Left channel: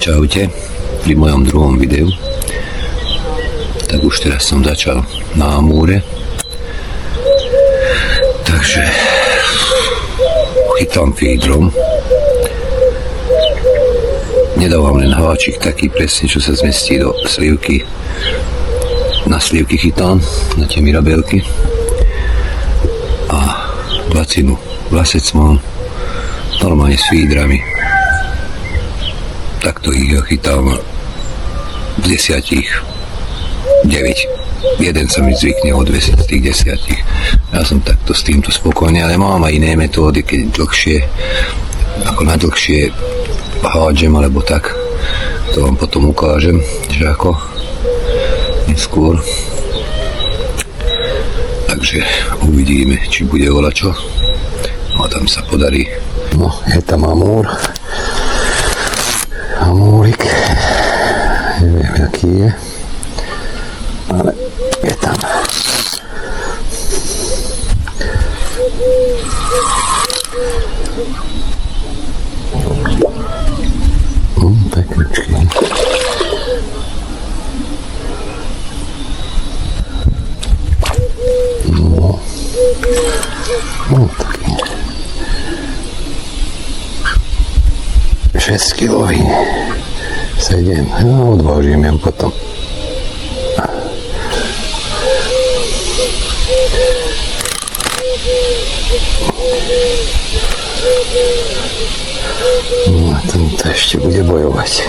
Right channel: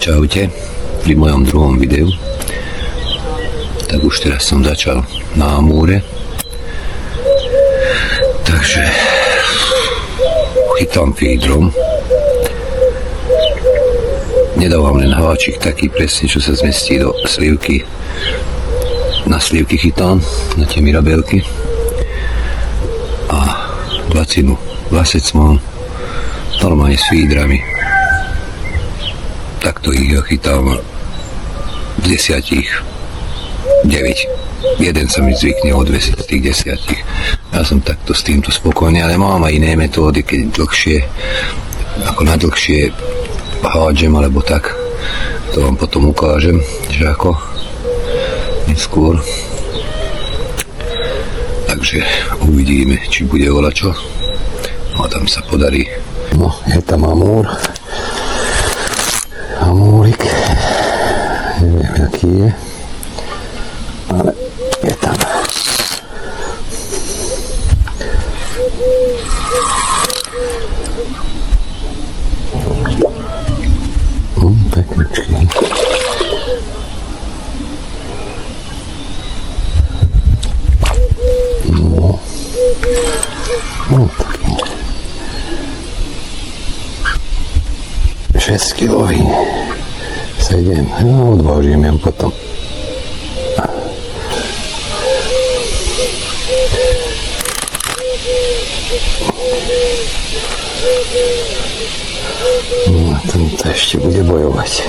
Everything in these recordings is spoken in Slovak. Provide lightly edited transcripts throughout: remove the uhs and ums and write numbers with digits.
Čaute, pri mojom druhom videu. Tak už teraz som začal na Amúre. Takže chytám feedrom. Nedávam len háčik taký presne, čo sa zmestí do slivky. Na slivky chytám, na tie mirabelky. A dvacinu vlasec mám normálne s feedrami. Takto ich ja chytám z 10, 9. Jeden sa mi zvykne odvesiť z tých 10. Ja som takto s týmto spokojný, ale mám aj iné metódy, keď dlhšie, ako na dlhšie hádžem, alebo tak. To vám potom ukážem, že ako neskôr. Takže uvidíme, či bude volačo. No a tam sa podarí. No, je tam Amúr. Amúrik. Neviem, aký je. Ale je tam. Pekničky. No, taký 6 kilový 7, no odvážim jem potom. No a tento ešte bude bojovať.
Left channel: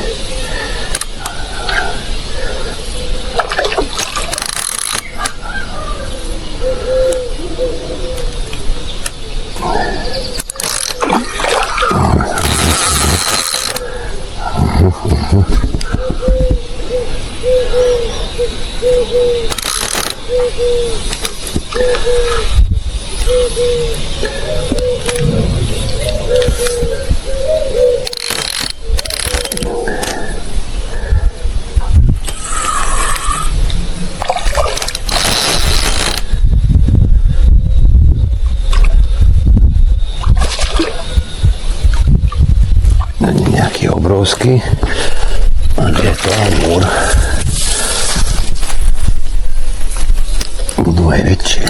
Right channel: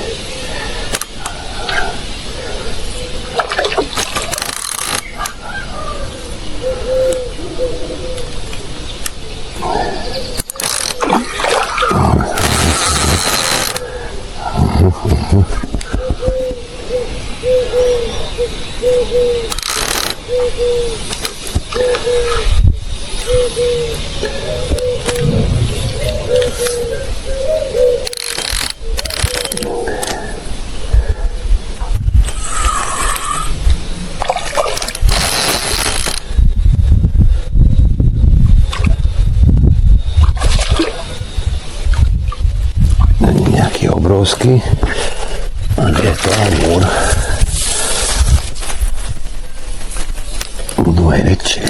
Není nejaký obrovský, ale je to Amúr. Budú aj väčšie.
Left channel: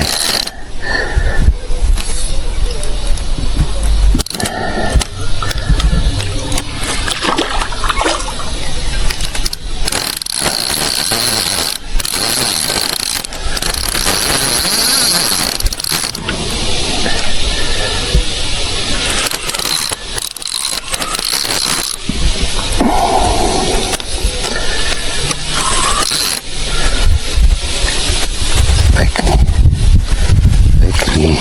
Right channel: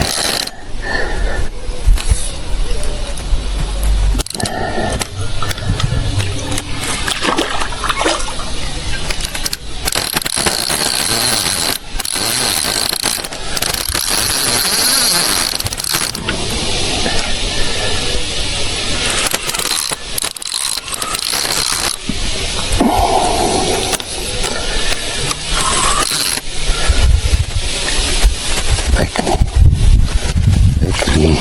Pekný.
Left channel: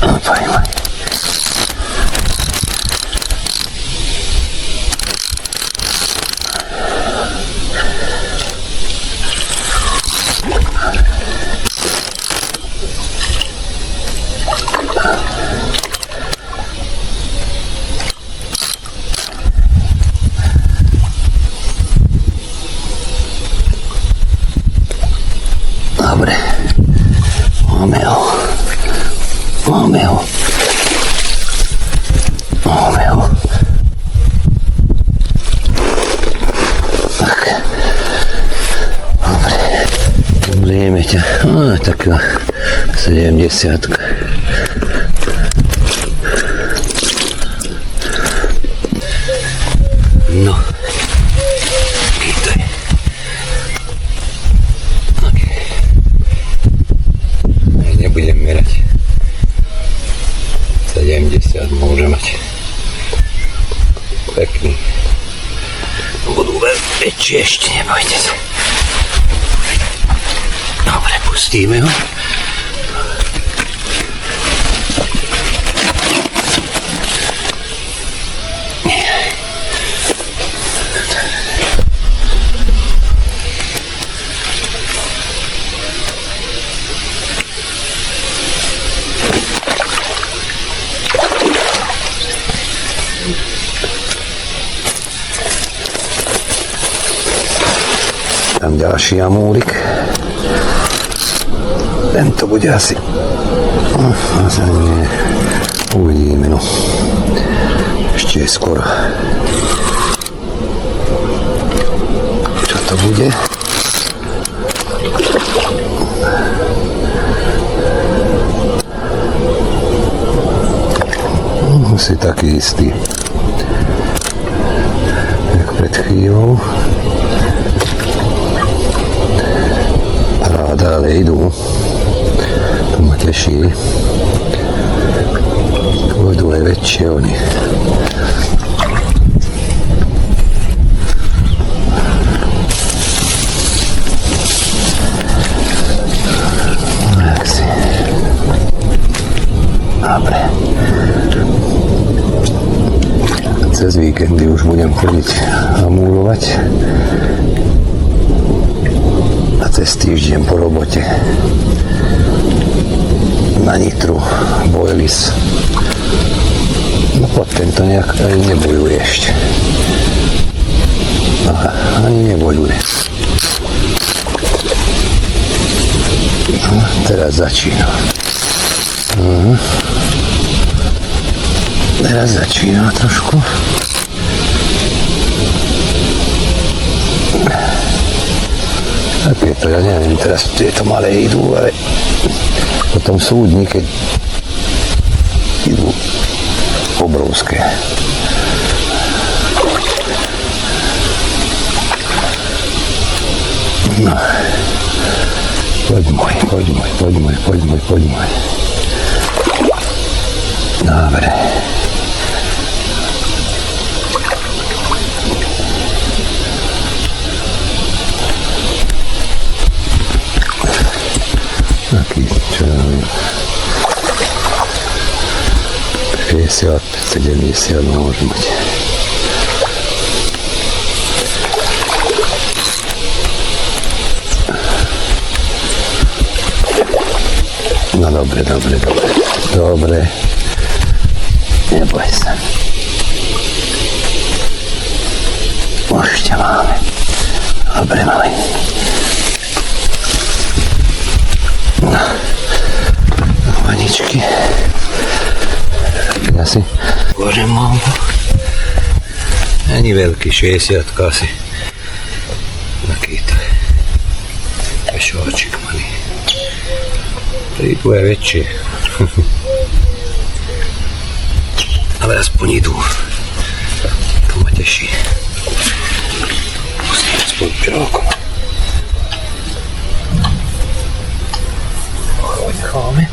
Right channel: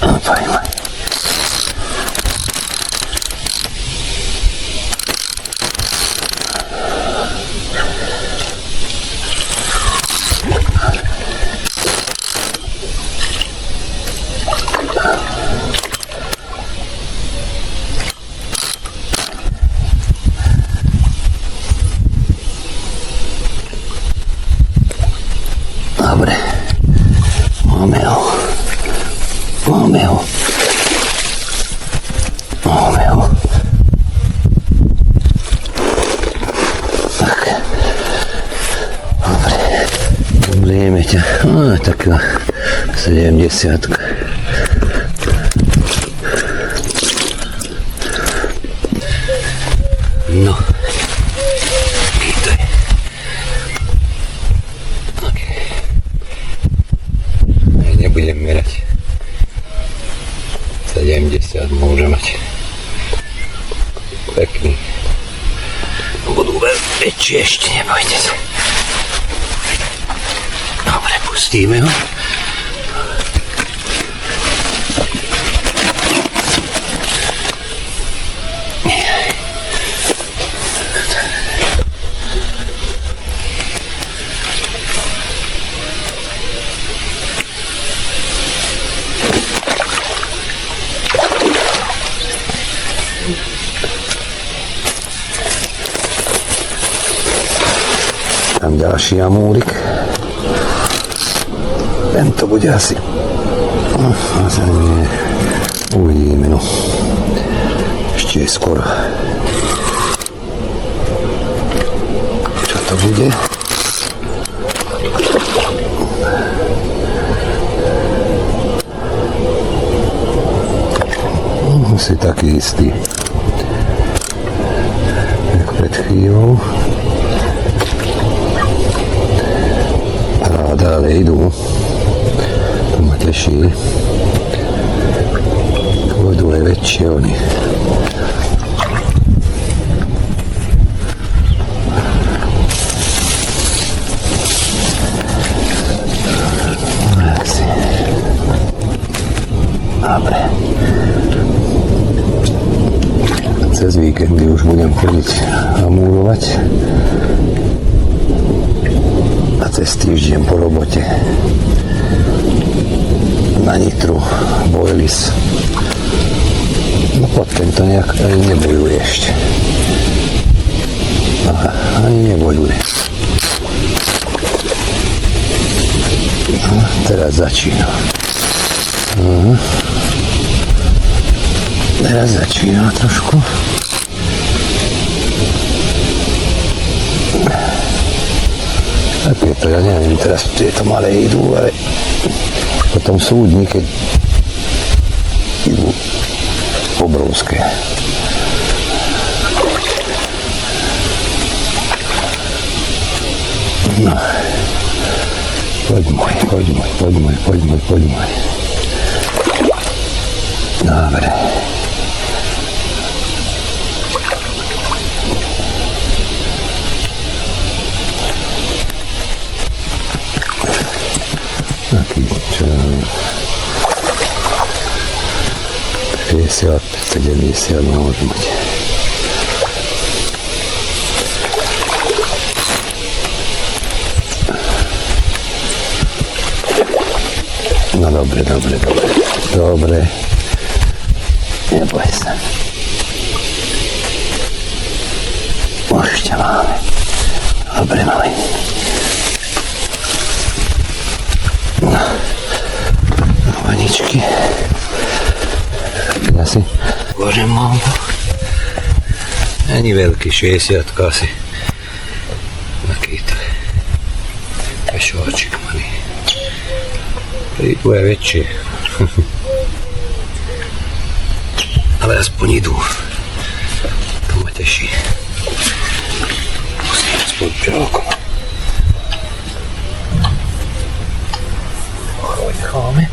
Fajn. Dobre, máme ho. Tak, dobre, zrieme ťa, taká 70. No, chytaj. Nebudem merať. 70 môže mať. Pekný. Budú väčšie ešte, nebojte sa. Dobre, pustíme ho. Tam ďalší Amúrik. Tento bude asi Asi nie. Uvidíme, no. Ešte je skoro. Čo to bude? Si taký istý. Jak pred chvíľou. Ráda, ale idú. To ma teší. Pôjdu aj väčšie oni. Dobre. Cez víkendy už budem chodiť hamúrovať a cez týždeň po robote na Nitru Boilies. No potom to nejak ani nebojuje ešte. Aha, ani nebojuje. No, teraz začína. Aha. Teraz začína trošku. Tak je to, ja neviem, teraz tieto malé idú, ale potom sú dni, keď idú obrovské. No. Poď môj. Dobre. Taký, čo ja viem, 50, 70 môže byť. No dobre. Neboj sa. Ešte máme. Dobre, malý. No, vaničky. Asi. Bože, mám. Ani veľký, 60 asi. Takýto. Pešovačik malý. Prídu aj väčšie. Ale aspoň idú. To ma teší. Musím aspoň čokom. Necháme.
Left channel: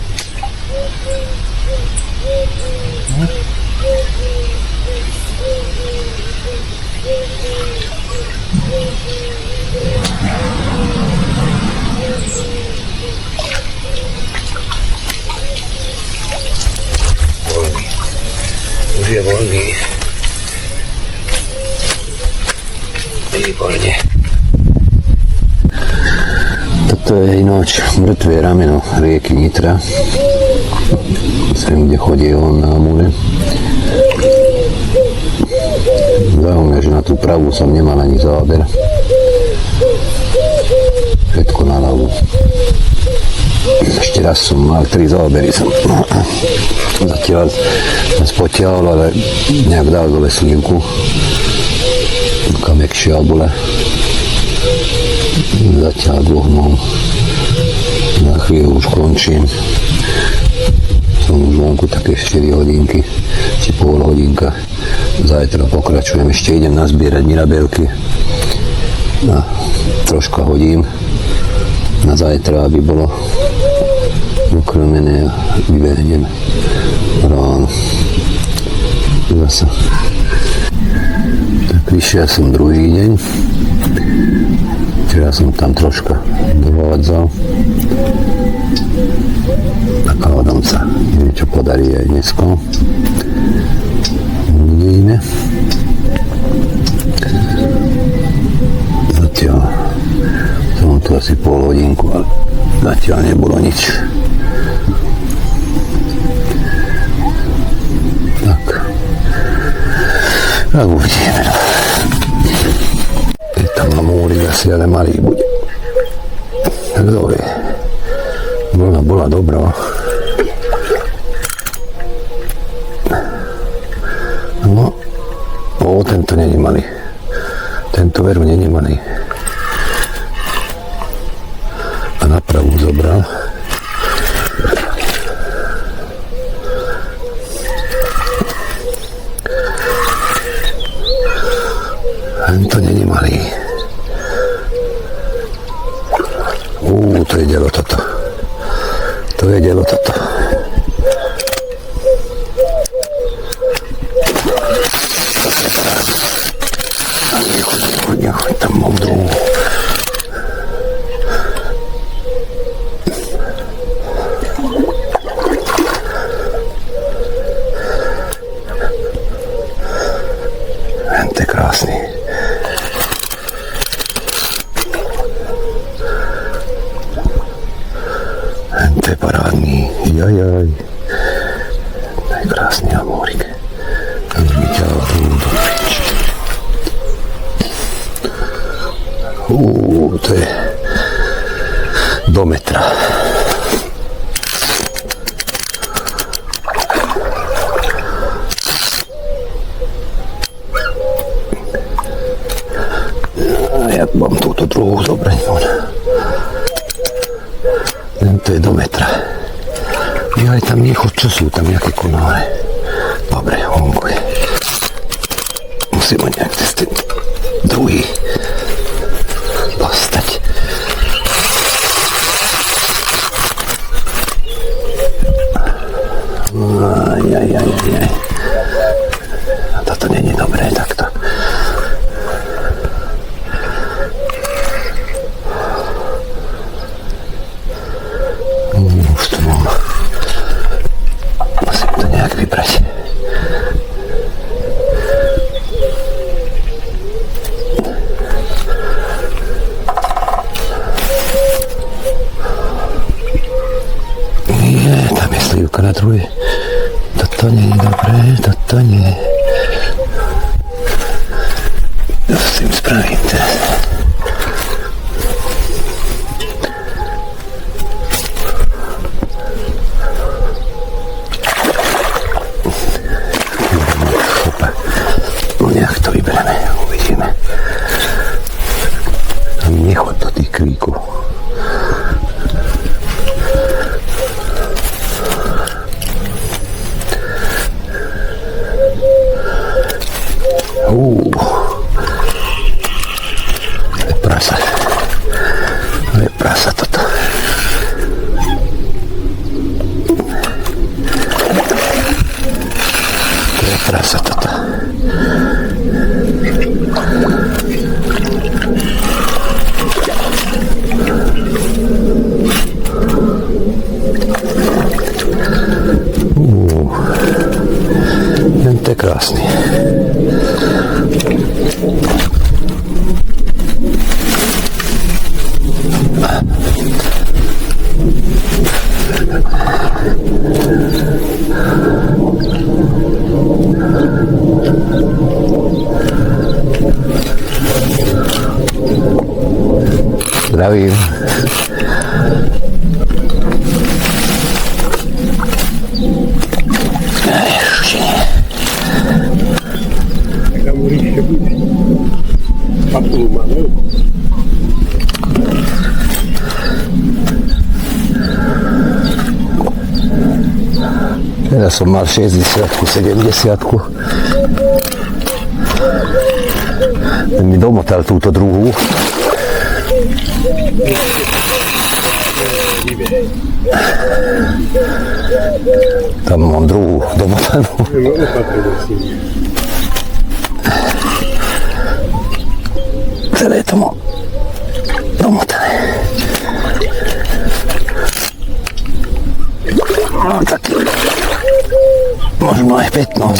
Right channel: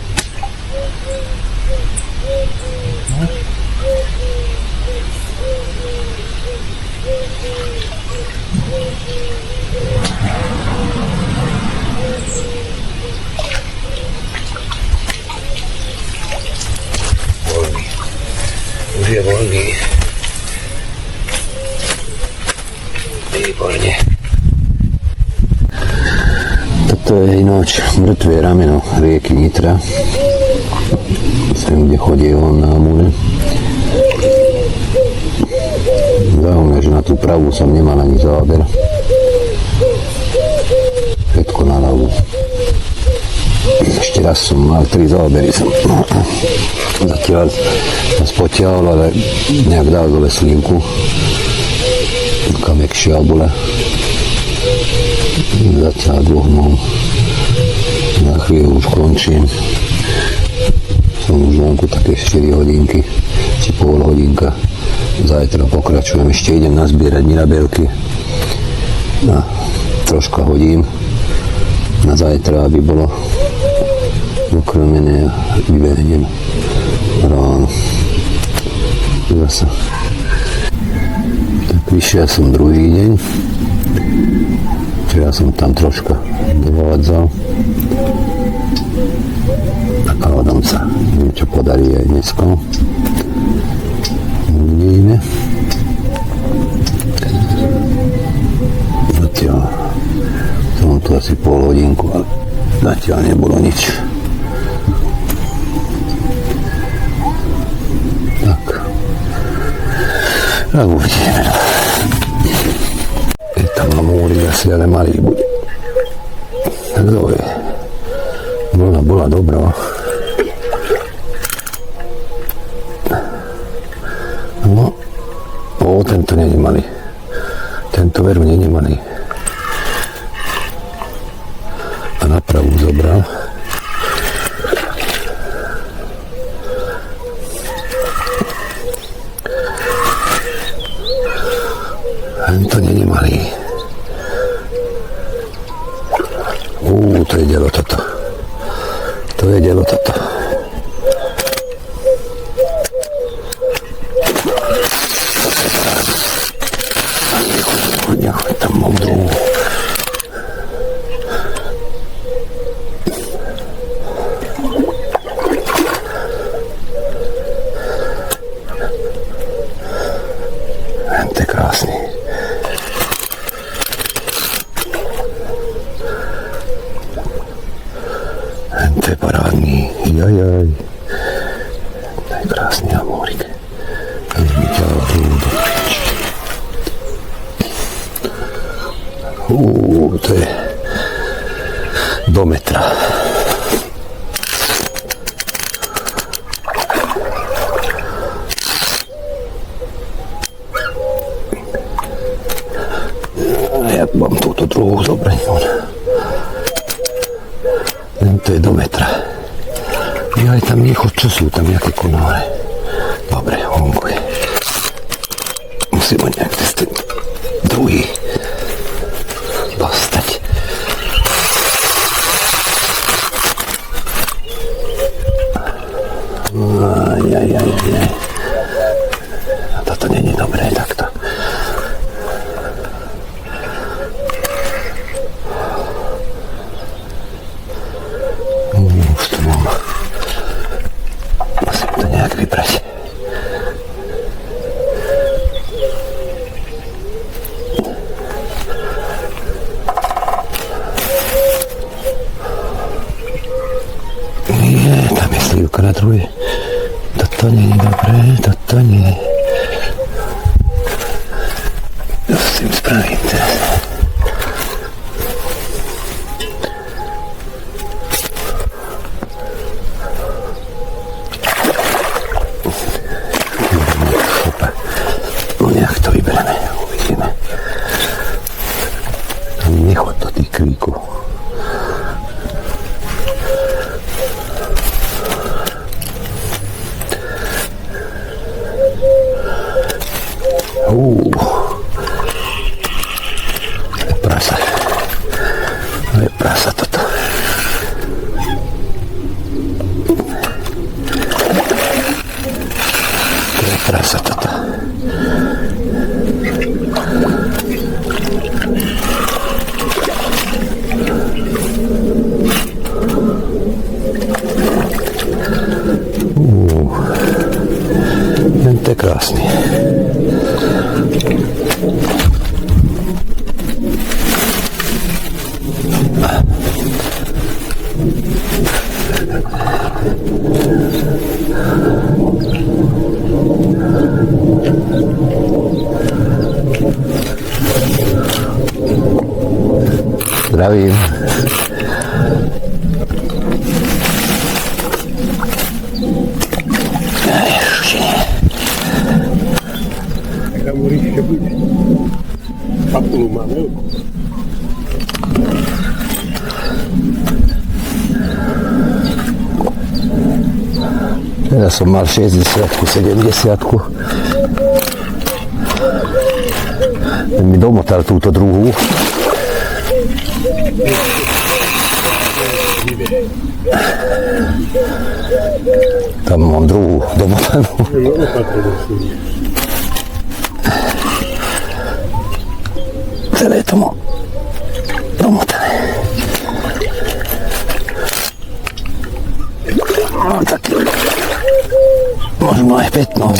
Voľný. Už je voľný. Výborne. Toto je ináč mŕtvé rameno rieky Nitra. Sem, kde chodí on na Amúre. Zaujímavé, že na tú pravú som nemal ani záber. Všetko na ľavú. Ešte raz som mal 3 zábery. Zatiaľ som spotiahol, ale nejak dal dole slívku. Taká mäkšia bola. Zatiaľ 2 mám. Na chvíľu už končím. Som už vonku také 4 hodinky, či pol hodinka. Zajtra pokračujem, ešte idem nazbierať mirabelky. A troška hodím na zajtra, aby bolo ukrmené a vybehnem ráno. Zasa. Tak vyšiel som druhý deň. Včera som tam troška dovádzal. Nakladám sa, neviem, čo podarí aj dnesko. Uvidíme. Zatiaľ som tu asi pol hodinku, ale zatiaľ nebolo nič. Tak. A uvidíme. Je tam Amúrik asi, ale malý bude. Kto vie? Bola dobrá. tento není malý. Tento veru není malý. A na pravú zobral. Tento není malý. To je dielo toto. To je dielo toto. A nechoď tam moudrú. To je krásný. To je parádný. Jajaj. To je krásný amórik. A mi ťahal do piči. To je do metra. Ja mám túto druhú zobrať. To je do metra. Aj tam nechod, čo sú tam nejaké konáre. Dobre, honguj. Musím ho nejak cez ten druhý dostať. Ajajajajaj. Toto není dobré takto. Už to mám. Musím to nejak vybrať. Tam je slivka na druhej. Toto nie je dobré, toto nie. To s tým spravím teraz. No nejak to vybereme, uvidíme. Nechod do tých kríkov. Prasa. To je prasa toto. To je prasa toto. To je krásny. Zdravím. Tam určitě bude. Papulu má velkou. Teraz som mal 60-ku, 70-ku. Ten mi domotal túto druhú. Tam mám druhú domotanú. Celé to mám domotané. No taký, možno aj 15.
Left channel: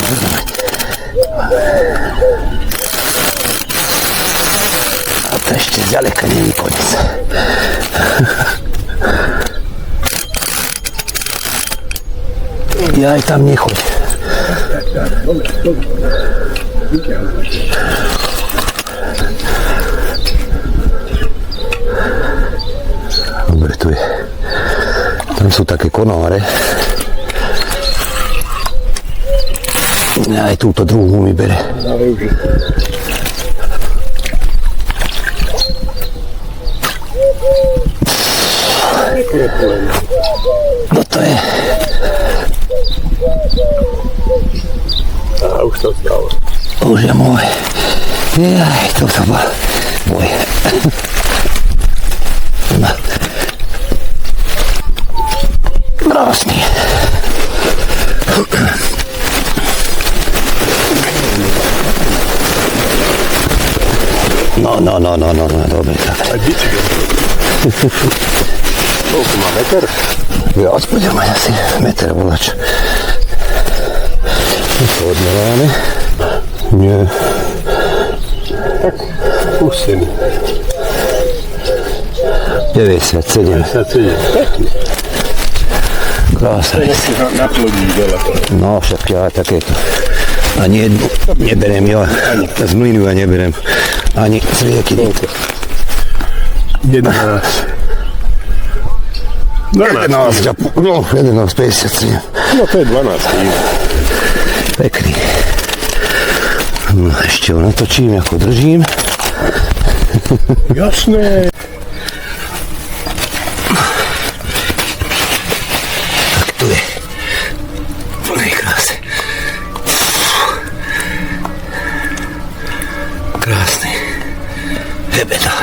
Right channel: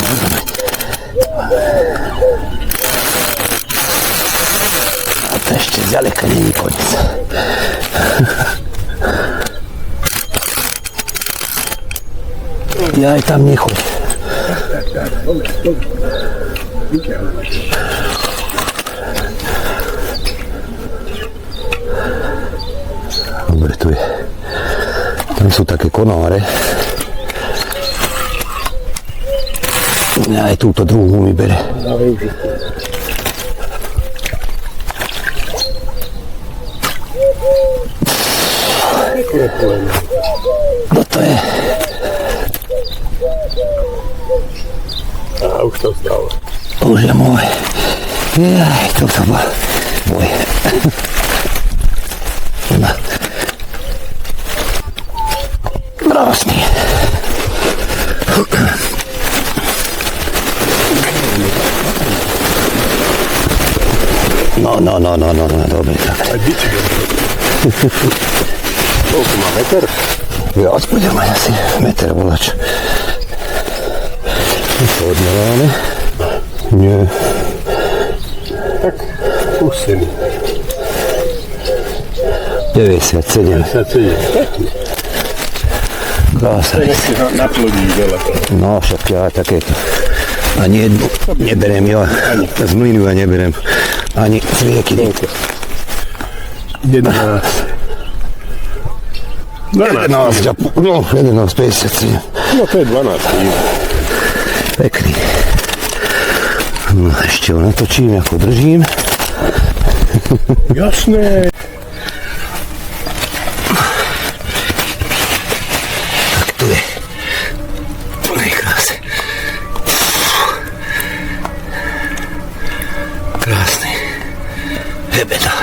A to ešte zďaleka nie je koniec. Ja aj tam nechoď. Dobre, tu je. Tam sú také konáre. Aj túto druhú mi bere. Na využiť. No to je. A už to stalo. Už je môj. Jaj, toto bol môj. No. Krásny. No, dobre tak. A diči go. Koľko má meter? Viac bude mať asi meter volač. Odmeláme? Nie. Tak, pustený. 97. 57. Pekný. Krásne. Naplodí veľa to. No však ja takéto. Ani jednu neberiem ja. Z mlynu ja neberiem. Ani z rieky. 11. 11,5. No, 11,53. No to je 12. Pekný. No, ešte ho natočím, ako držím. Jasné. Tak tu je. Plnej krásy. Krásny. Hebeda.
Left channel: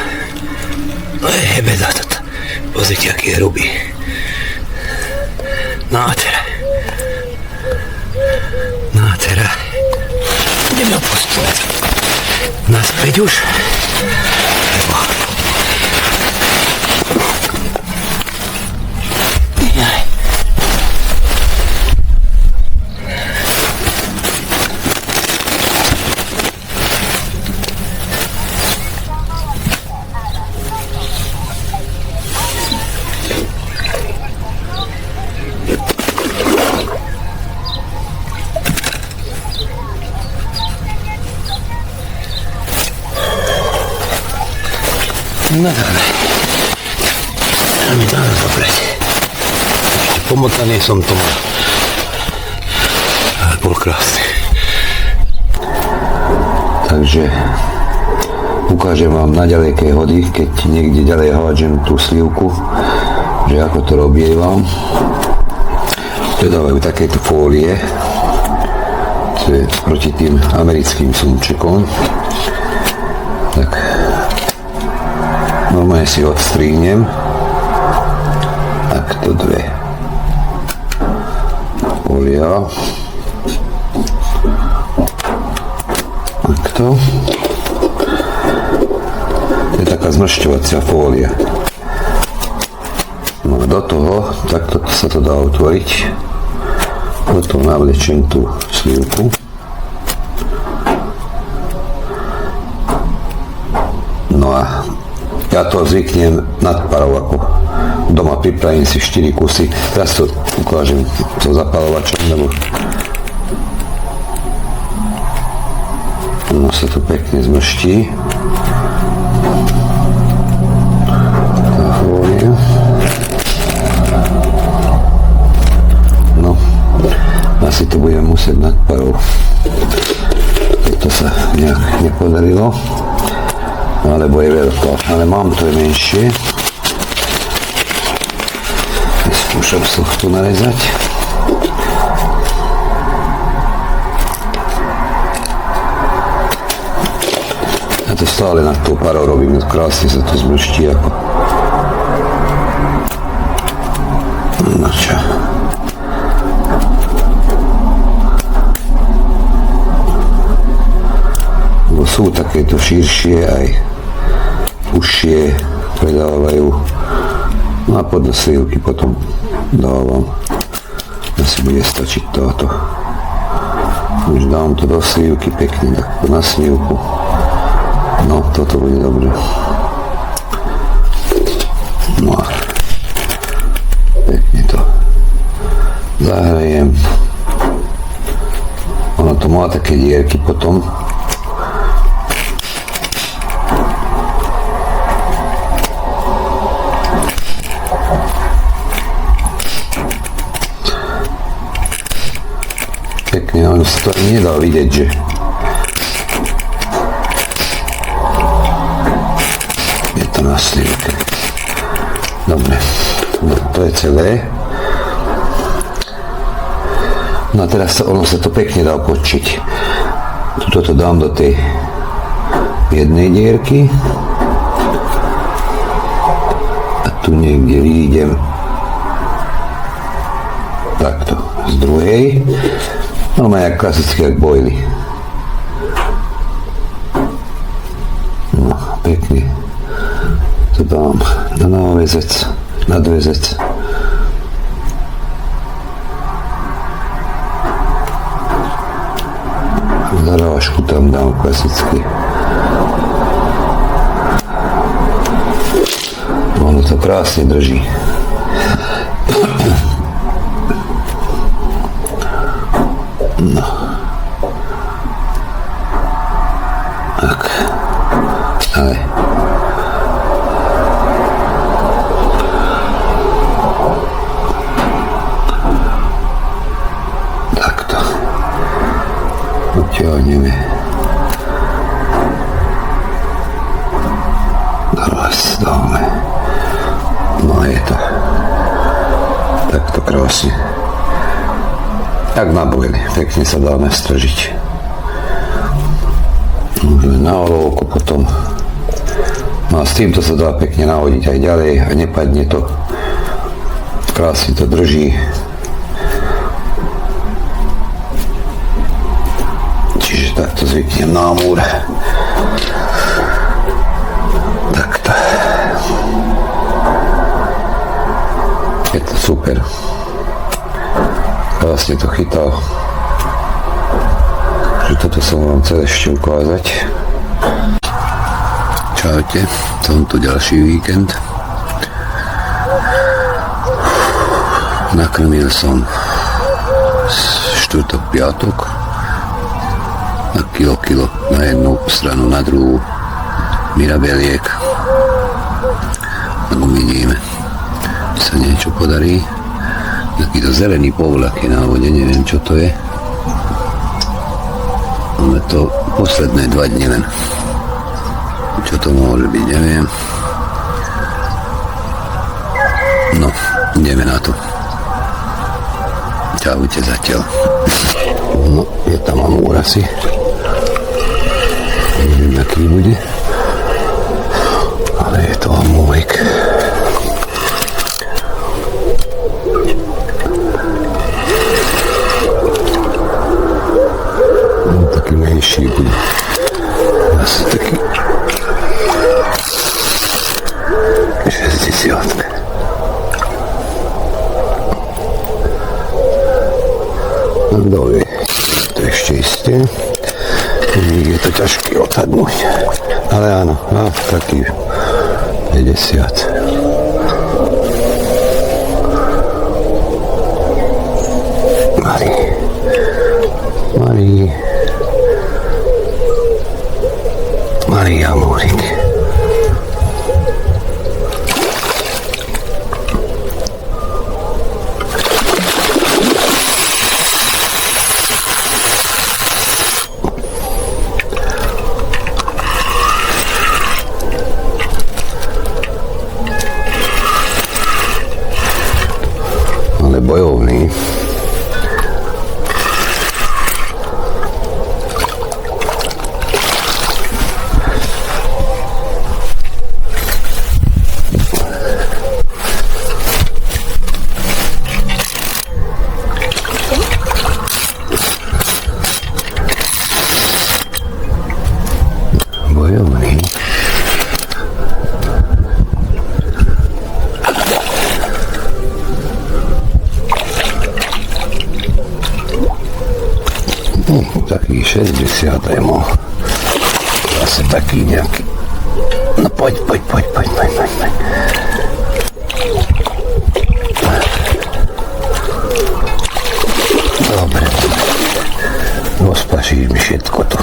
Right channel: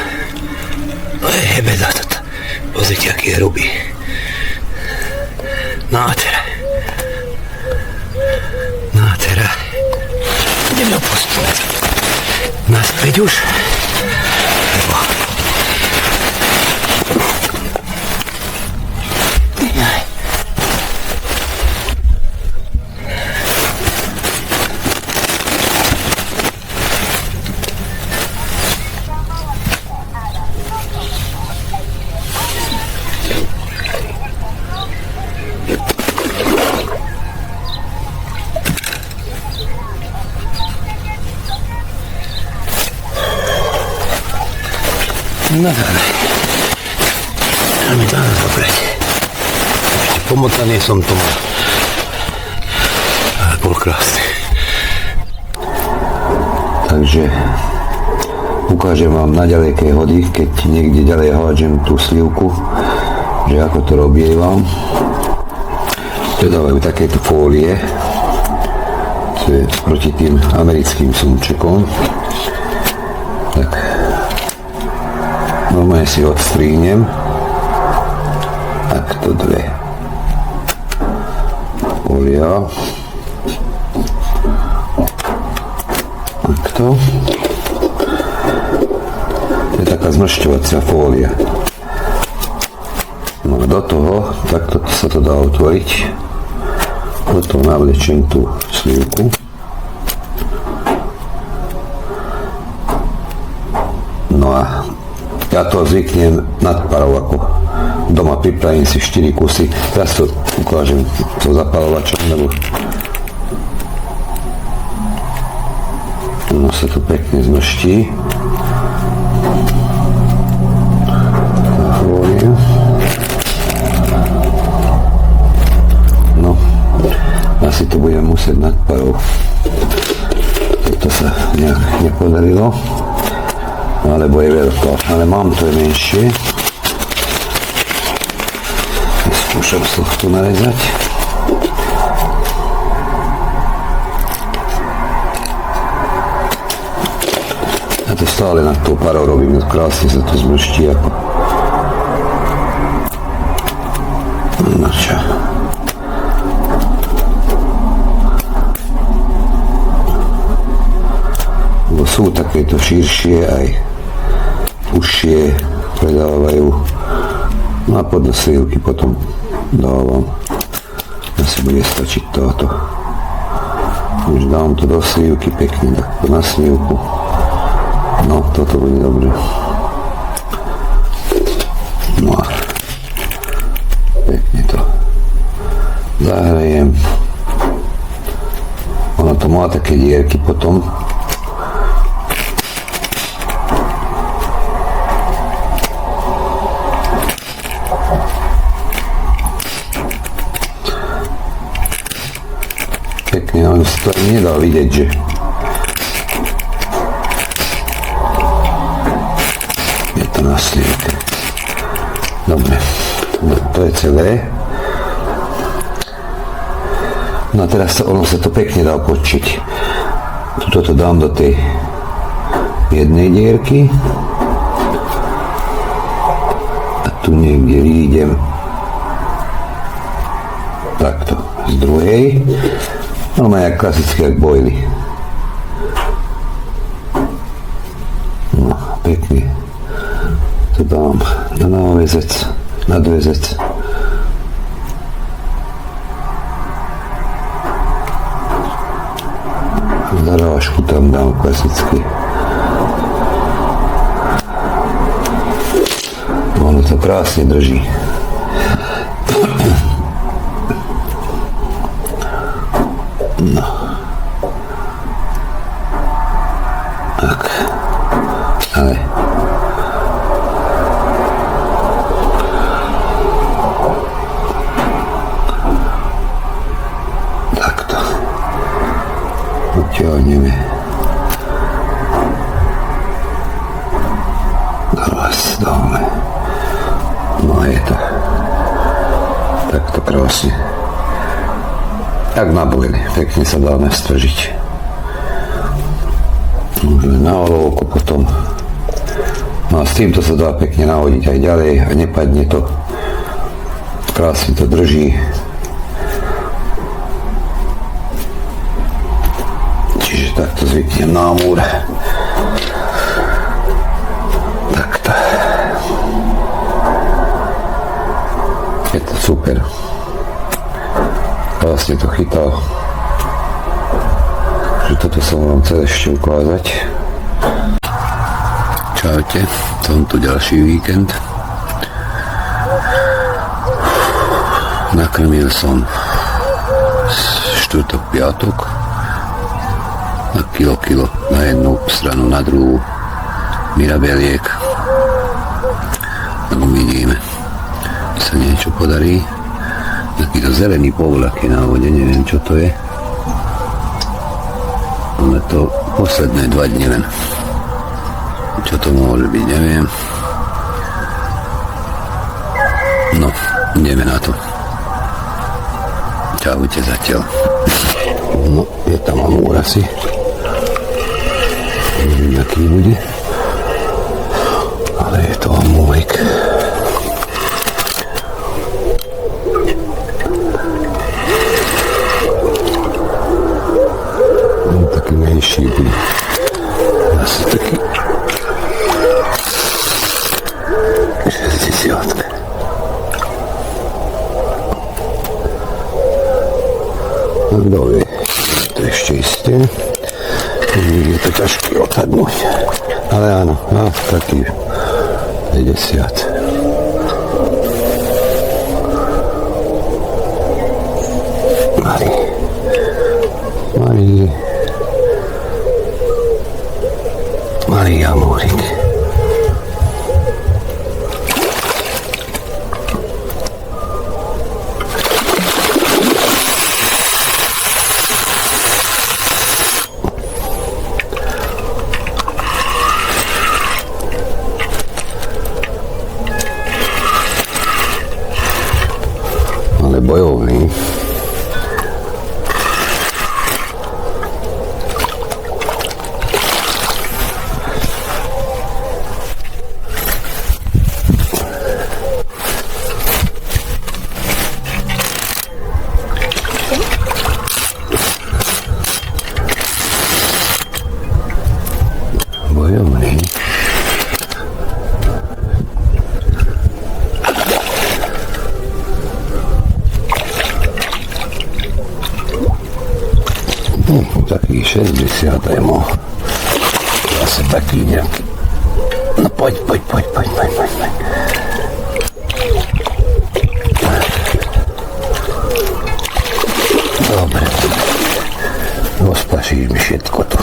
To je hebeda toto. Pozrite, aký je hrubý. Nádhera. Nádhera. Ideme ho postupovať. Naspäť už. Lebo... Jaj. No dobre. Dáme to dobre. Ešte pomotaný som tomu. Ale bol krásny. Takže ukážem vám na ďalekej hody, keď niekde ďalej hádžem tú slivku, že ako to robievam. To dávajú takéto fólie, čo je proti tým americkým sumčekom. Tak normálne si odstrínem. Takto dve fólia. Takto. To je taká zmršťovacia fólia. No a do toho, takto sa to dá otvoriť. Potom navlečem tú slivku. No a ja to zvyknem nadparov, ako doma pripravím si 4 kusy. Teraz to ukážem so zapalovačom, lebo ono sa to pekne zmrští. Tá fólia. No, asi to budem musieť nadparov. Toto sa nejak nepodarilo. Alebo je veľká, ale mám to je menšie. Skúšam z tohto narezať. Ja to stále nad tou parou robím, krásne sa to zmrští ako. No čo. Lebo sú takéto širšie aj užšie predávajú. No a podľa slivky potom dávam. Asi bude stačiť táto. Už dám to do slivky pekne, takto na slivku. No, toto bude dobré. No a pekne to zahrejem. Ono to má také dierky potom. Pekne, ono sa to ani nedá vidieť, že je to na slivke. Dobre, to je celé. No a teraz ono sa to pekne dá podčiť. Tuto to dám do tej jednej dierky a tu niekde výjdem takto z druhej. No má jak klasicky, jak bojly. No, pekne to dám na návezec, nadvezec. Zarážku tam dám klasicky. Ono to krásne drží. No. Tak. Ale. Takto. Utiahneme. Teraz dáme. No je to. Takto krásne. Tak na bojli, pekne sa dá nastržiť. Môžeme na olovku potom. No a s týmto sa dá pekne nahodiť aj ďalej a nepadne to. Krásne to drží. Čiže takto zvyknem na múr. Takto. Je to super. Vlastne to chytal. Takže toto som vám chcel ešte ukázať. Čaute, som tu ďalší víkend. Nakrmil som štvrtok, piatok na kilo na jednu stranu, na druhú mirabeliek. Tak uvidíme, či sa niečo podarí. Takýto zelený povlak je na vode, neviem čo to je. Ale to posledné 2 dni len. Čo to môže byť, neviem. No, ideme na to. Čaute zatiaľ. No, je tam amúr asi. Neviem, aký bude. Ale je to amúrik. Taký menší bude. Asi taký 60. No dole, to ešte isté. Je to ťažké odhadnúť. Ale áno, taký 50. Malý amúrik. Ale bojovný. Bojovný. Taký 60 aj mohol. Zase taký nejaký. No poď. Dobre. Rozpašíš mi všetko tu.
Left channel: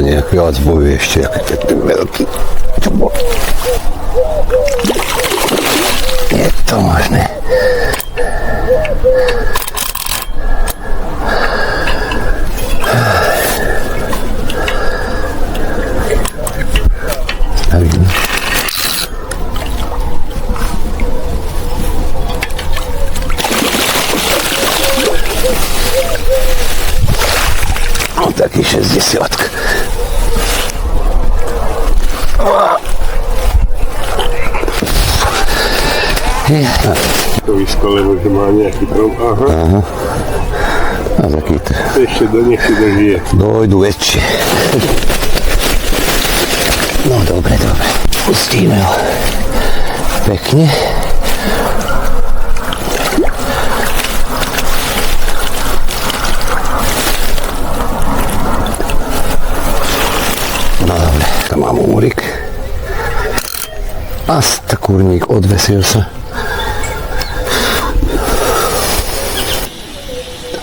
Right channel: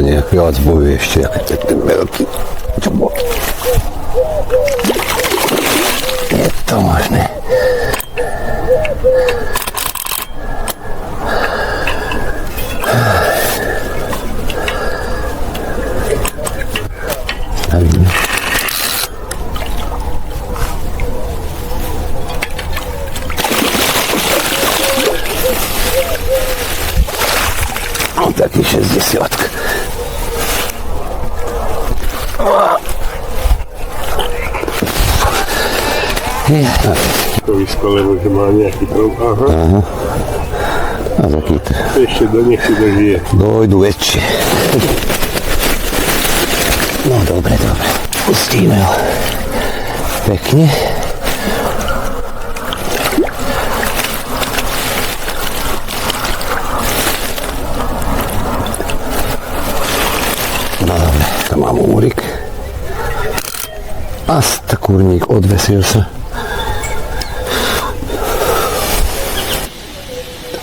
to nejak viac bojuje ešte, ako ten veľký. Čo bol? Je to možné. Stavíme. No taký 60. To vyskole, že má nejaký problém. Aha. Aha. A takýto. Ešte do nech si dožije. Dojdu väčšie. No dobre, dobre. Pustíme ho. Pekne. No dobre, to mám úrik. A kurník odvesil sa.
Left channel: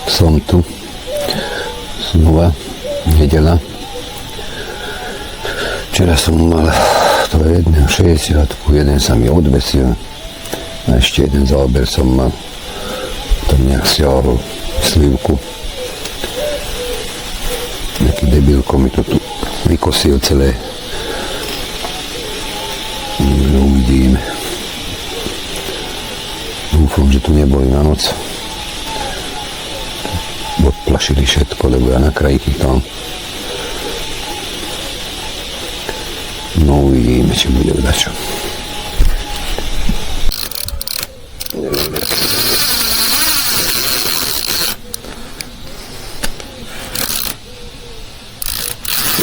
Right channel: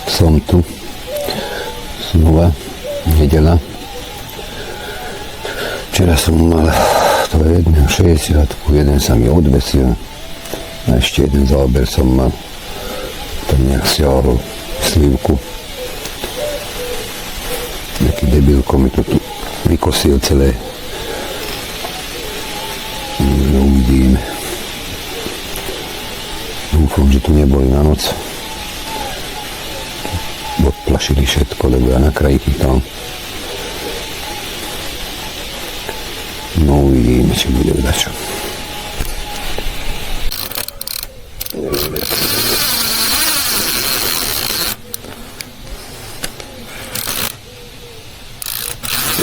Som tu. Znova. Nedeľa. Včera som mal to jedného 60, jeden sa mi odvesil. A ešte jeden záber som mal. Tam nejak siahol slivku. Nejaký debilko mi to tu vykosil celé. No, uvidíme. Dúfam, že tu neboli na noc. Odplašili všetko, lebo ja na kraji chytal. No uvidíme, či bude dačo.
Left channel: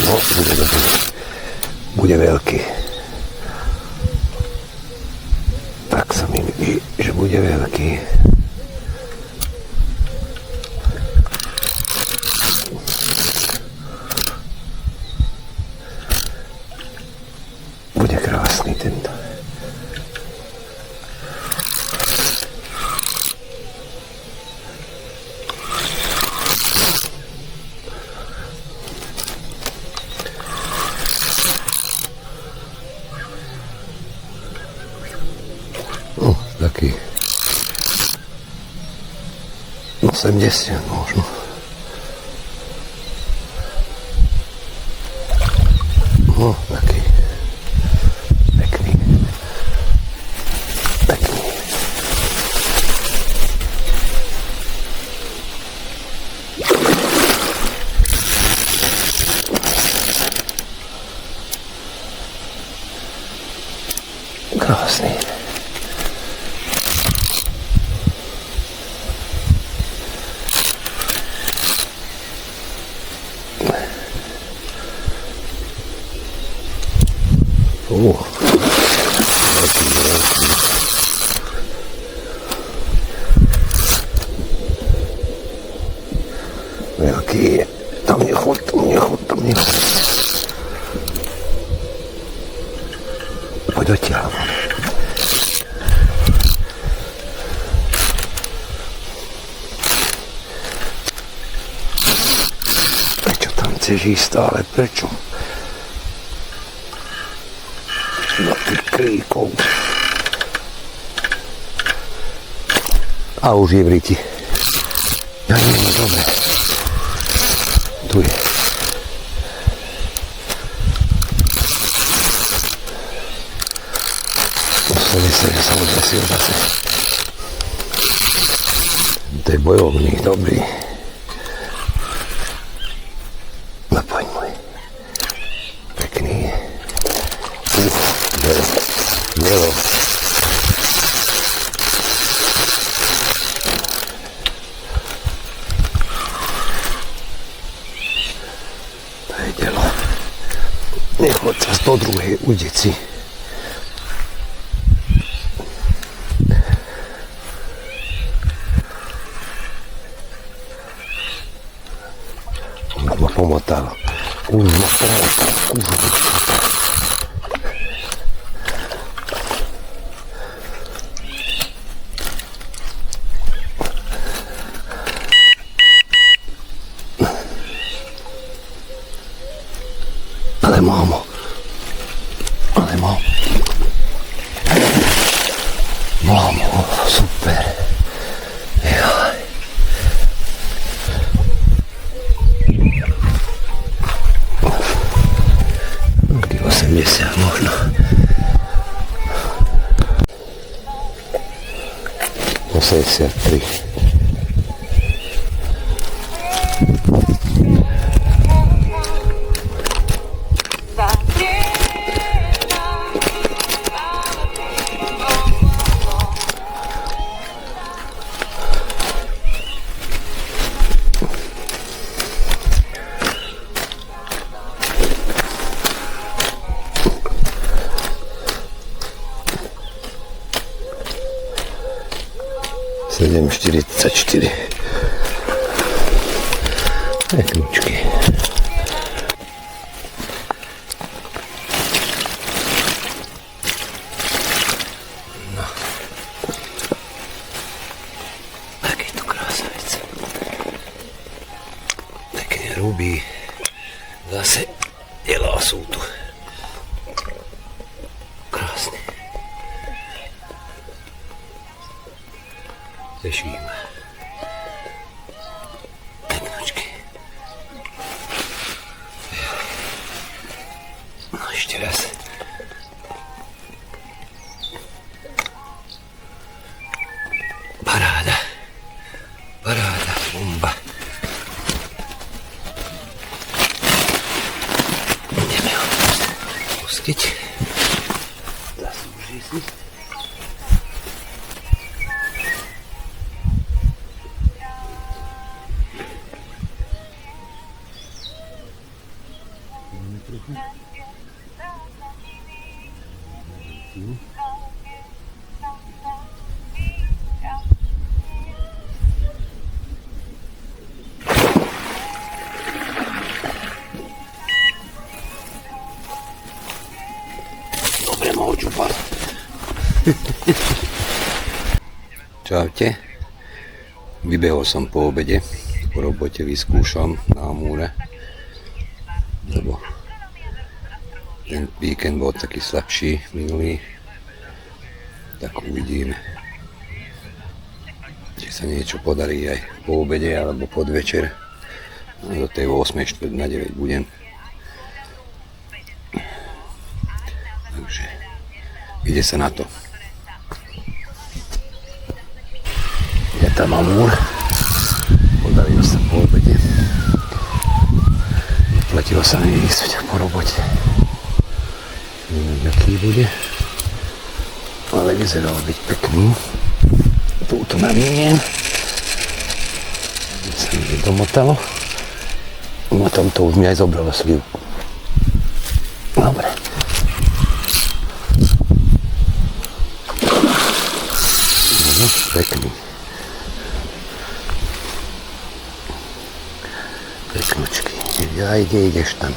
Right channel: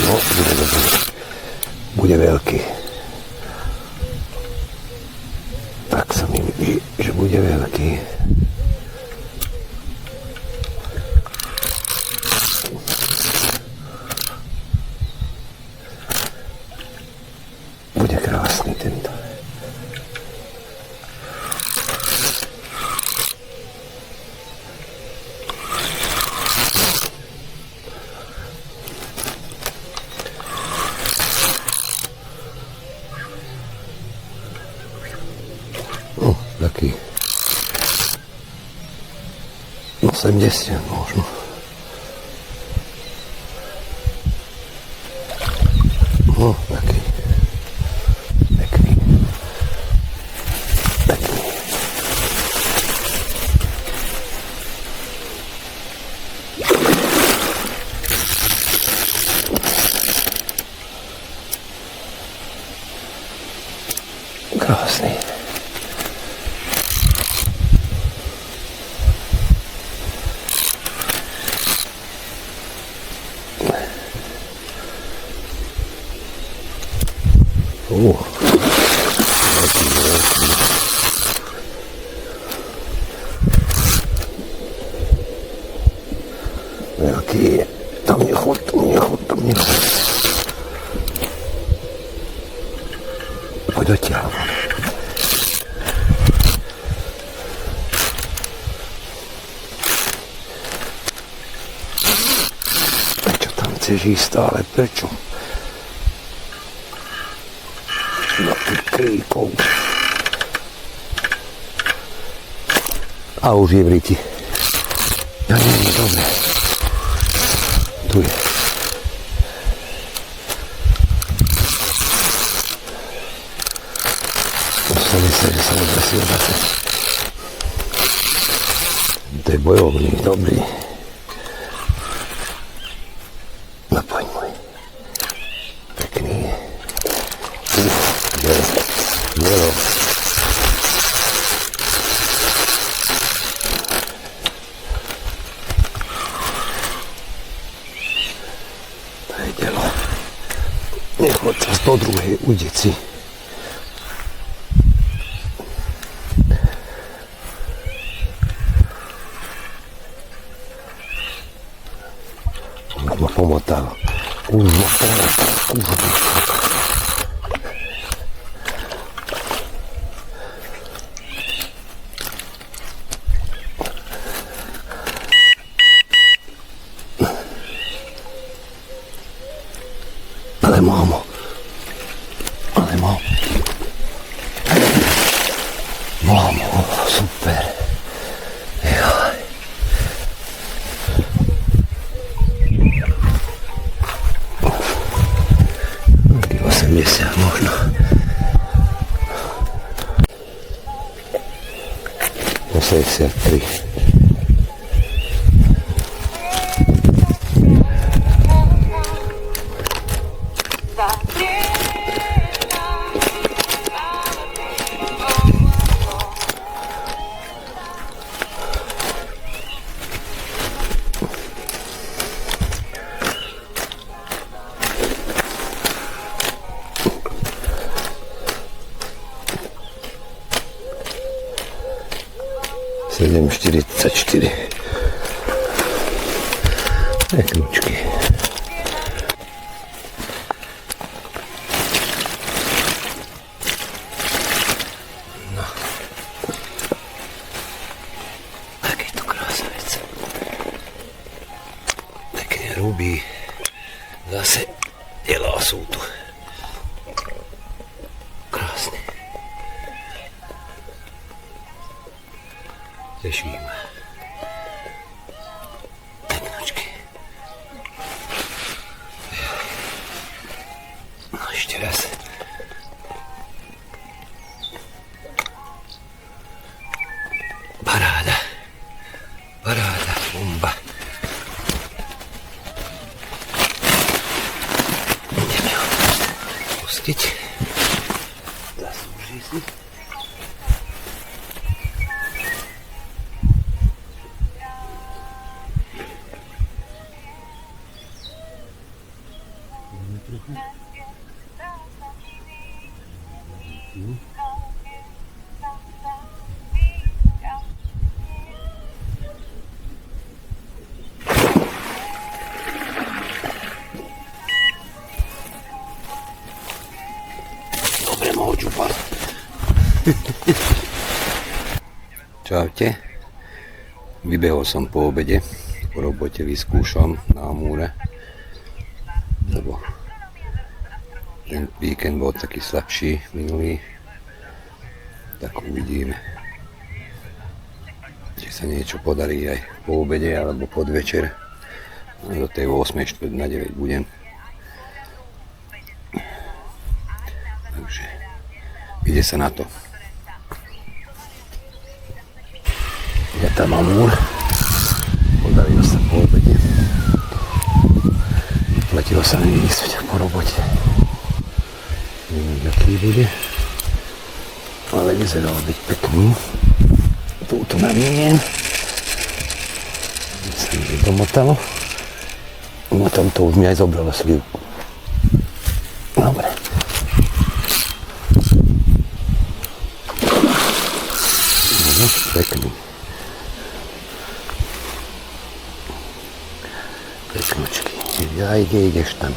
No, bude dobrý. Bude veľký. Tak sa mi vidí, že bude veľký. Bude krásny tento. Taký 80 možno. No, taký pekný. Pekný. Krásny. Veľký je. Tam nechod, tam nechod, tam nechod. Poď odtiaľ. Prečo tam chceš ísť stále? Prečo? Na tých kríkov. A už je v riti. Ja nie, dobre. Tu je. Museli sa, že sa odvesil zase. To je bojovník, dobrý. No poď môj. Pekný. Jelo. To je delo. Nechod sa do druhej udici. Už ma pomotal. mámo. Ale mámo. Mámo, super. Jaj. Taký 80 možno. 83. Sedem 44. Peknúčky. No. Aký to krásavec. Pekne rubí. Zase jelá sú tu. Krásne. Teší ma. Peknočky. No ešte raz. Paráda. Paráda, bomba. Ideme ho pustiť. Zaslúži si. Dobre, mohol čupať. Čaute. Vybehol som po obede. Po robote vyskúšam na Amúre. Lebo ten víkend bol taký slabší minulý. Tak uvidíme. Či sa niečo podarí aj po obede alebo podvečer. Do tej 8:45 budem. Takže ide sa na to. Je tam Amúr. Podarilo sa po obede. Vyplatilo sa mi ísť po robote. Neviem, aký bude. Ale vyzeral byť pekný. Túto naviniem. Sa mi domotalo. Na tomto už mi aj zobralo slivku. Dobre. No, pekný. Peknočky. Ja, kde ideš tam?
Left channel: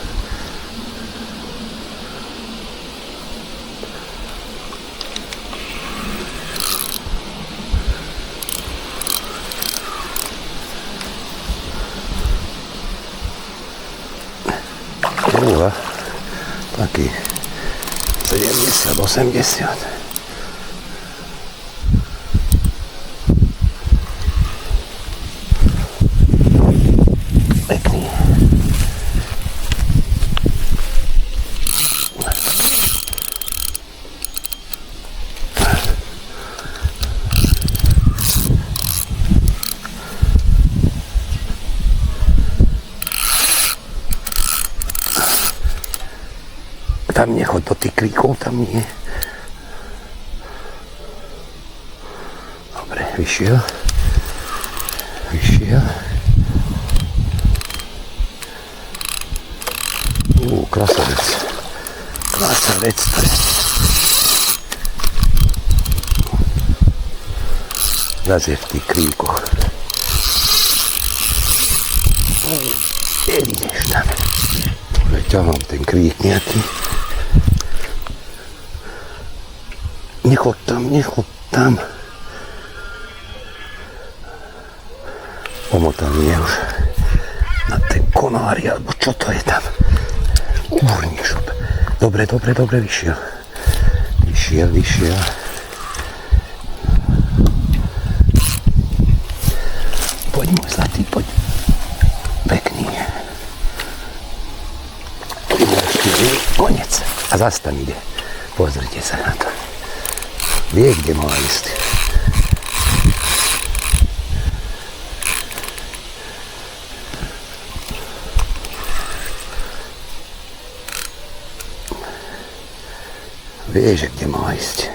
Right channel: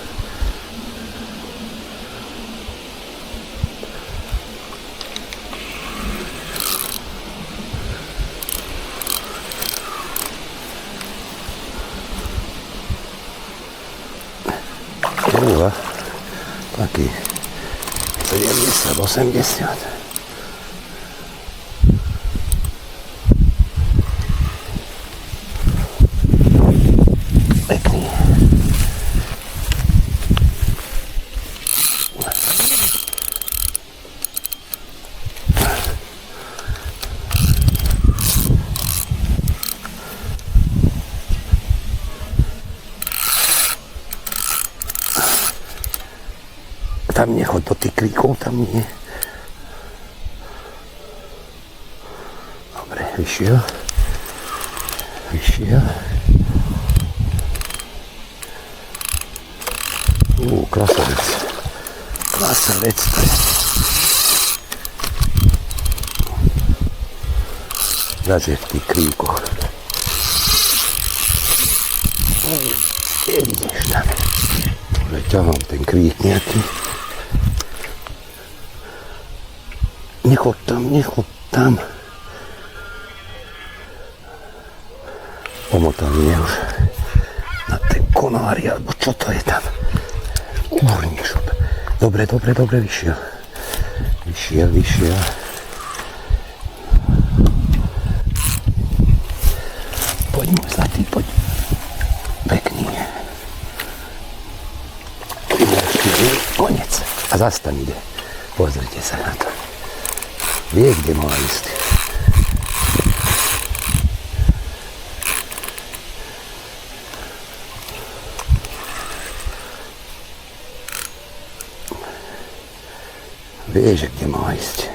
Taký 70, 80. Pekný. Tam nechoď do tých kríkov, tam nie. Dobre, vyšiel. Vyšiel. Krasavec. Krasavec to je. Zase v tých kríkoch. Kde ideš tam? Ťahám ten krík nejaký. Nechod tam. Pomotaný je už na ten konári, alebo čo to je tam. Kurník šup. Dobre, vyšiel. Vyšiel. Poď môj zlatý, poď. Pekný. Konec. A zas tam ide. Pozrite sa na to. Vie, kde má ísť. Vie, že kde má ísť.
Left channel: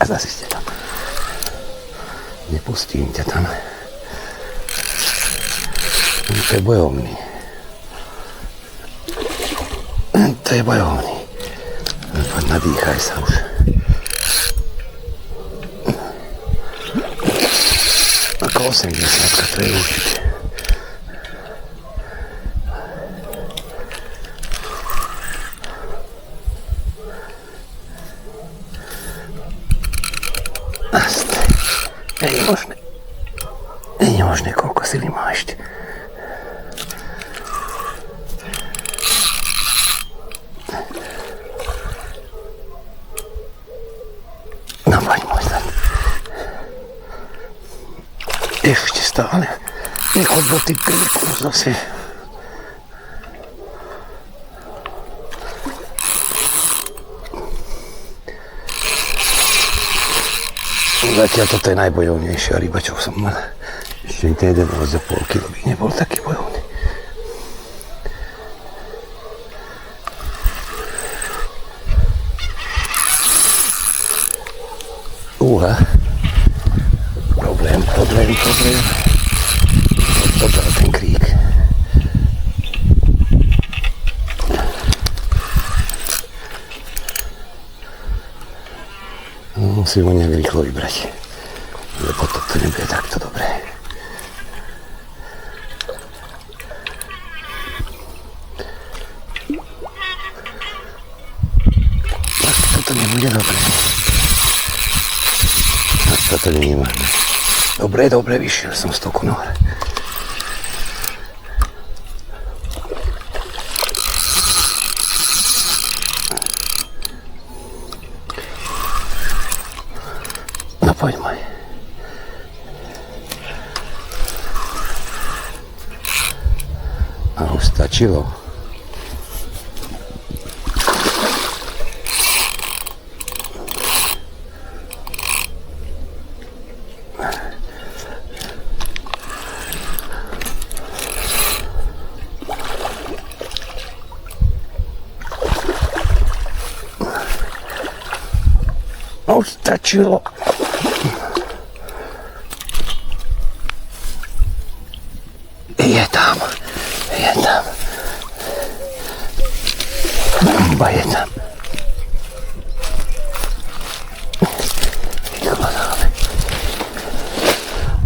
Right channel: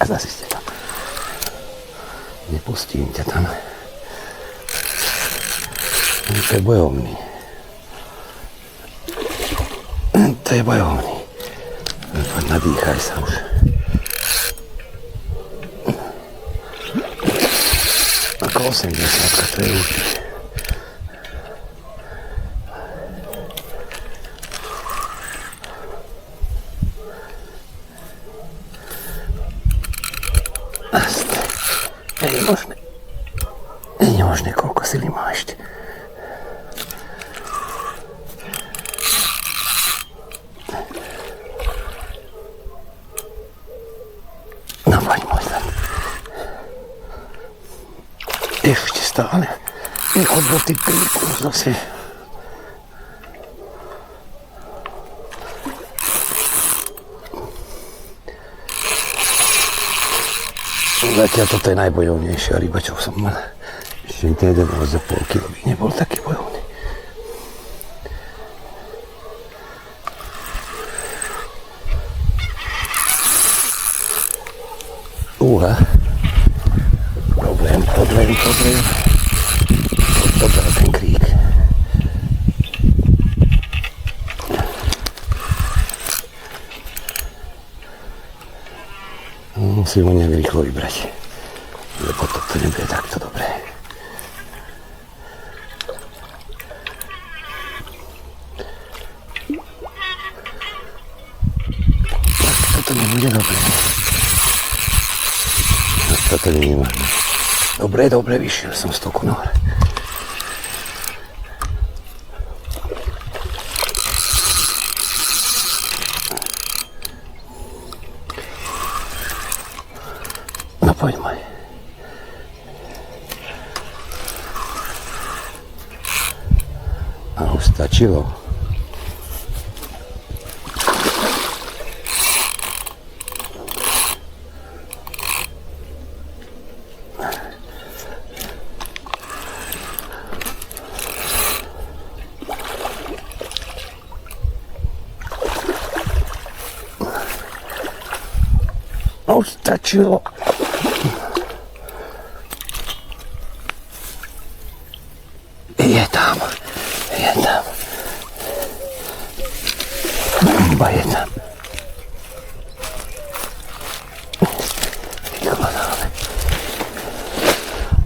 A zase ste tam. Nepustím ťa tam. To je bojovný. To je bojovný. Poď, nadýchaj sa už. Ako 80, to je určite. Nie je možné, koľko sily má ešte. No poď môj zad. Ešte stále. Nechod do ty príku zase. Zatiaľ toto je najbojovnejšia ryba, čo som mal. Ešte ten 11,5 kg by nebol taký bojovný. Problém. Odbral ten krík. Musím ho nejak rýchlo vybrať, lebo toto nebude takto dobré. Tak toto nebude dobré. Toto nie je možné. Dobre, vyšiel som z toku nahor. No poď môj. A už stačilo. Už stačilo. Je tam. Bomba je tam. Vykladáme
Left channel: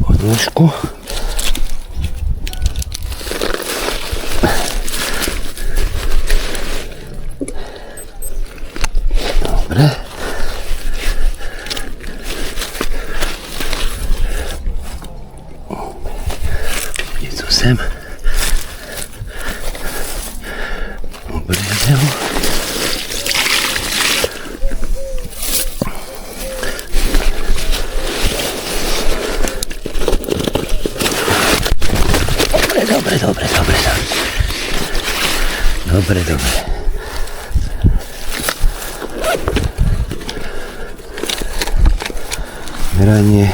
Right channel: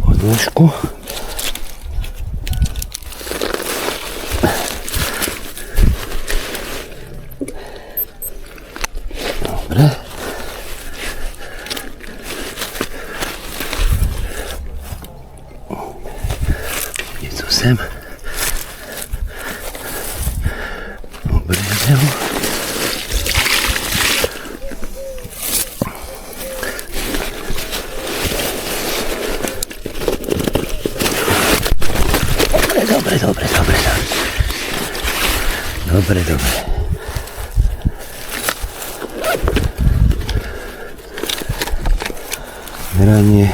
odložku. Dobre. Sem. Obrezem. Dobre. Meranie.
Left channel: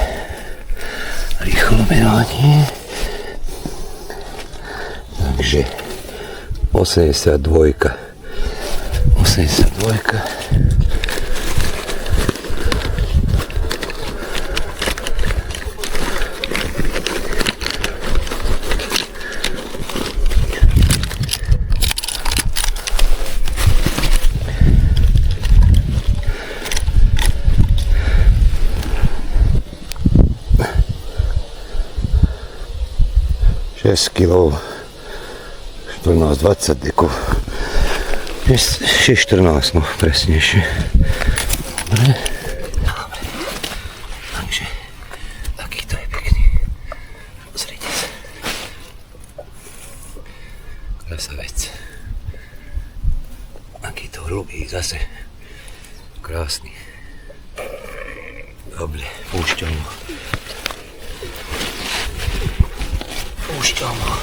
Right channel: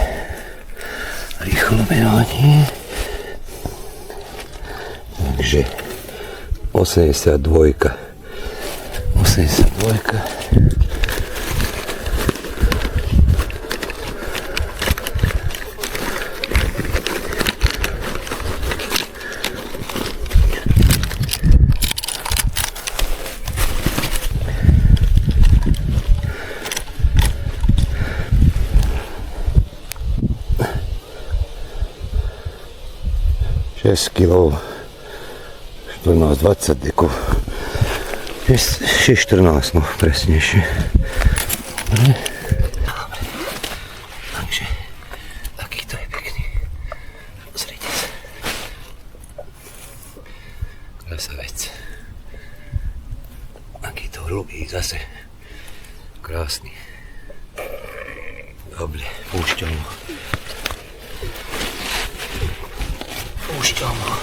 Rýchlo meranie. Takže 82. Šesť kilov. 14-20 dekov. 6-14, no presnejšie. Dobre. Takže takýto je pekný. Krasavec. Aký to hrubý zase. Krásny. Dobre, púšťam ho. Púšťam ho.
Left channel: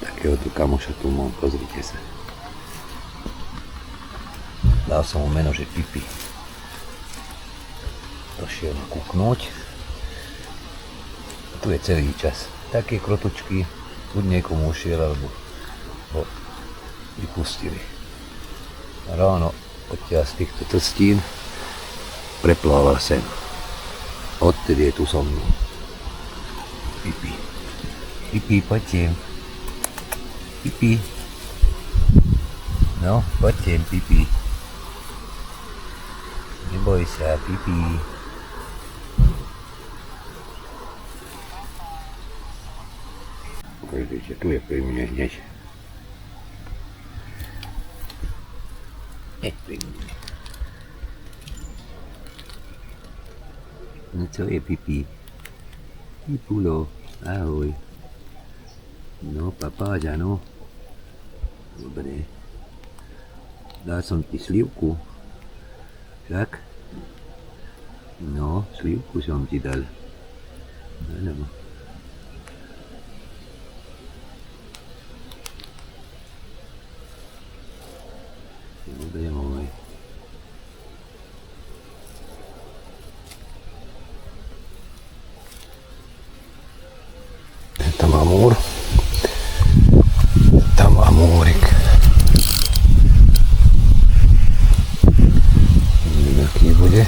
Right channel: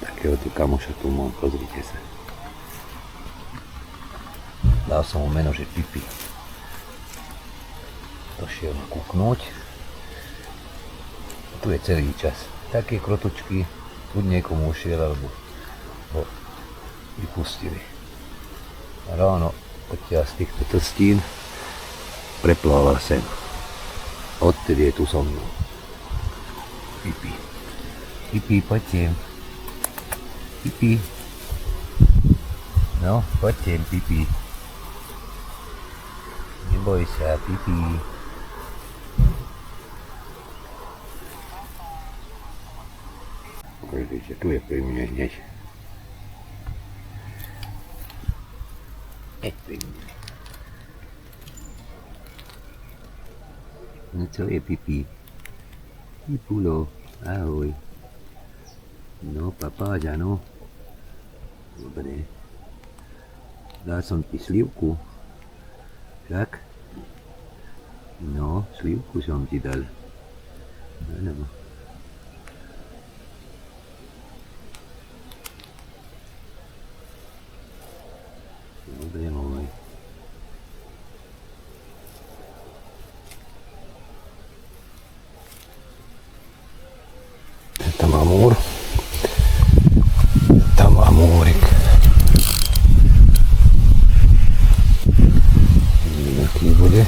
Takého tu kamoša tu mám, pozrite sa. Dal som mu meno, že Pipi. Došiel ma kúknúť. Tu je celý čas. Také krotučky, buď niekomu ušiel, alebo ho vypustili. A ráno odtiaľ z týchto trstín preplával sem. Odtedy je tu so mnou. Pipi. Pipi, poď sem. Pipi. No, poď sem, Pipi. Neboj sa, Pipi. Ukážete, tu je pri mne hneď. Hneď pri mne. No co je, Pipi? Pipulo, ahoj. No, papáďa, no. Dobre. Dal som ti slivku. Však? No, slivku som ti dal. Áno. Dobre, môj. Tam amúr. Tam amúrik. Aký bude.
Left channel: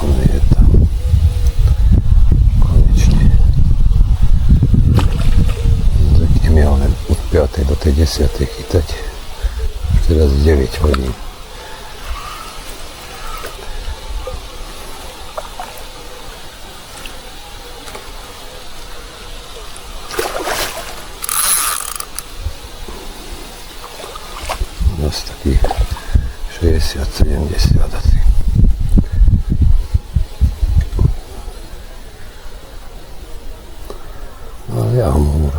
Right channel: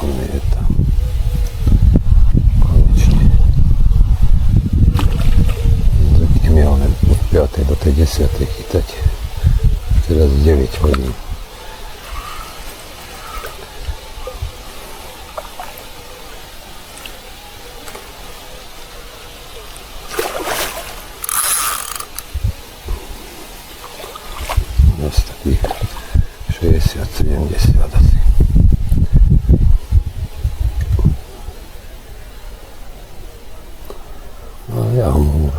On je tam. Konečne. Zvyknem ja len od 5. do tej 10. chytať. Už teraz 9 hodín. Dosť takých 60-70 asi. No ja amúr.